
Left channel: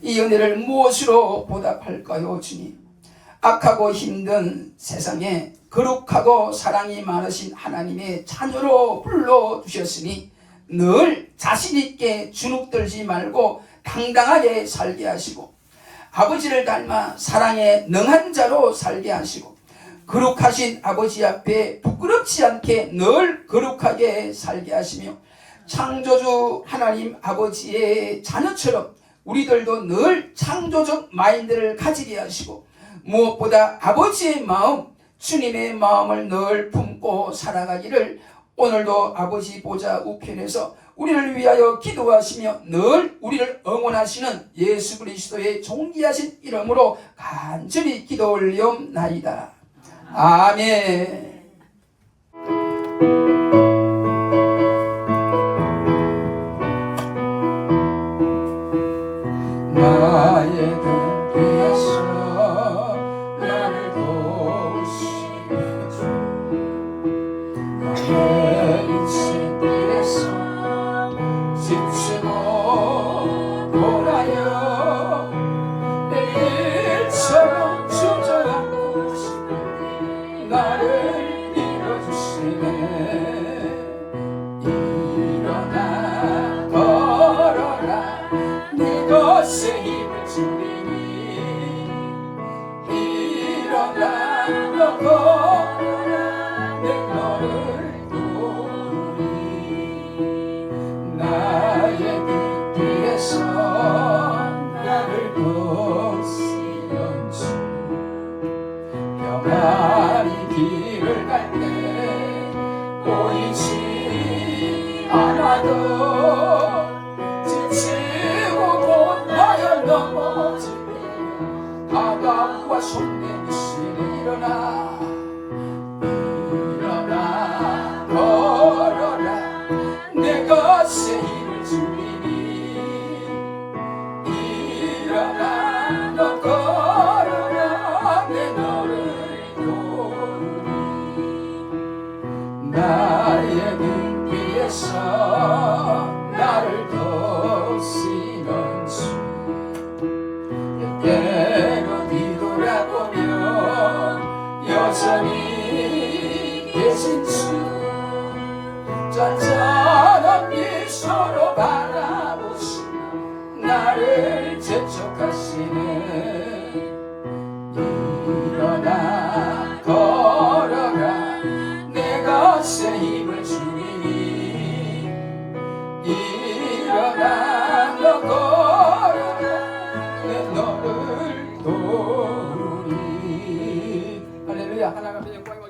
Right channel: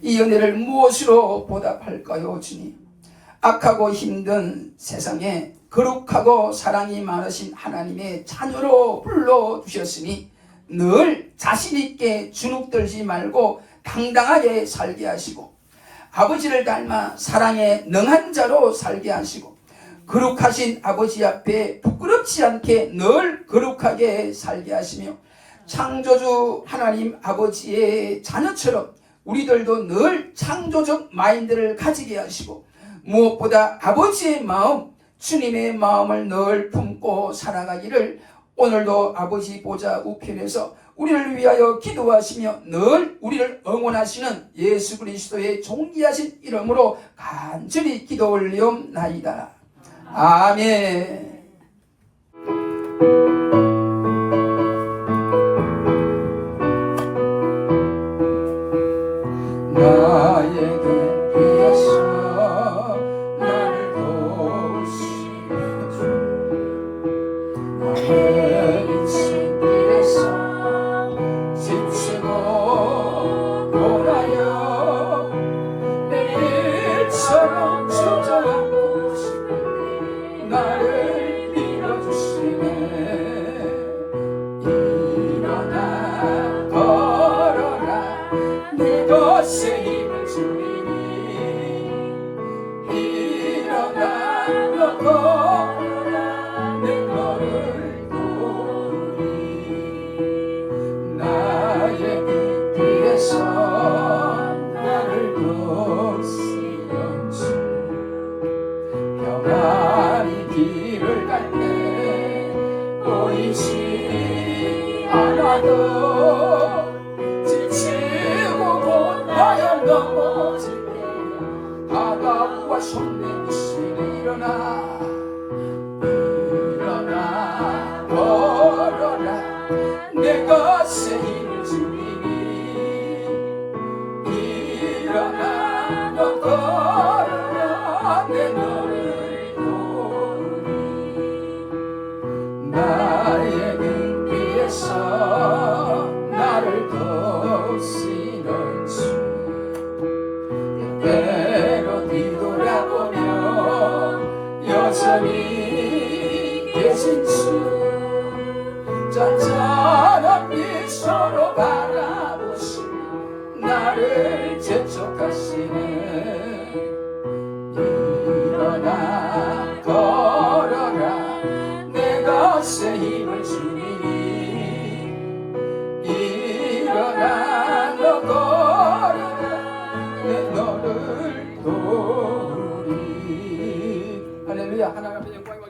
이 은혜를 무엇으로 보답할까요, 주님? 악하고 힘든 세상에 거룩하고 사랑이 많으신 하나님의 자녀로 불러주셨으니 늘 자신있게 주눅들지 말고 당당하게 살게 하시고, 아버지를 닮아 사랑에 능한 자로 살게 하시고, 거룩하신 아버지 앞에 부끄럽지 않게 늘 거룩하게 살게 하시며, 창조주 하나님 아버지의 자녀처럼 우리들도 늘 창조적 마인드를 가지게 하시고, 무엇보다 아버지의 마음, 주님의 마음을 늘 품고 살아가기를 오늘도 아버지 보좌 우편에서 우리를 위하여 기도하시며 늘 우리를 응원하시는 예수 그리스도의 존귀하신 이름으로 간절히 기도 올리옵나이다. 아멘. 나에게 위해서 나를 도우시는 주, 나의 인생 길에서 지치고 돌아요 내 길처럼 주저앉고 나를 밀어주시네. 일어나 걸어라 내 것에 힘을 주리니, 일어나 너 걸어라 내 너를 도우리. 나의 그 뒤에서 나를 돕시는 주, 평안히 길을 갈 때 보이지 않아도 지치고 곧나여 넘어질 때 바다와 손댄 이신 일어나, 일어나 걸어라 내 것에 힘을 주리니, 나의 등 위에서 나를 도우시는 주 때로 뒤돌아보면 여전히 계신 주 잔잔한 미소로 바라보시며 나를 재촉하시네 일어나 걸어라 내 것에 힘을 주리니 일어나 너 걸어라 내 너를 도우리 할렐루야. 하나님 앞에 영광이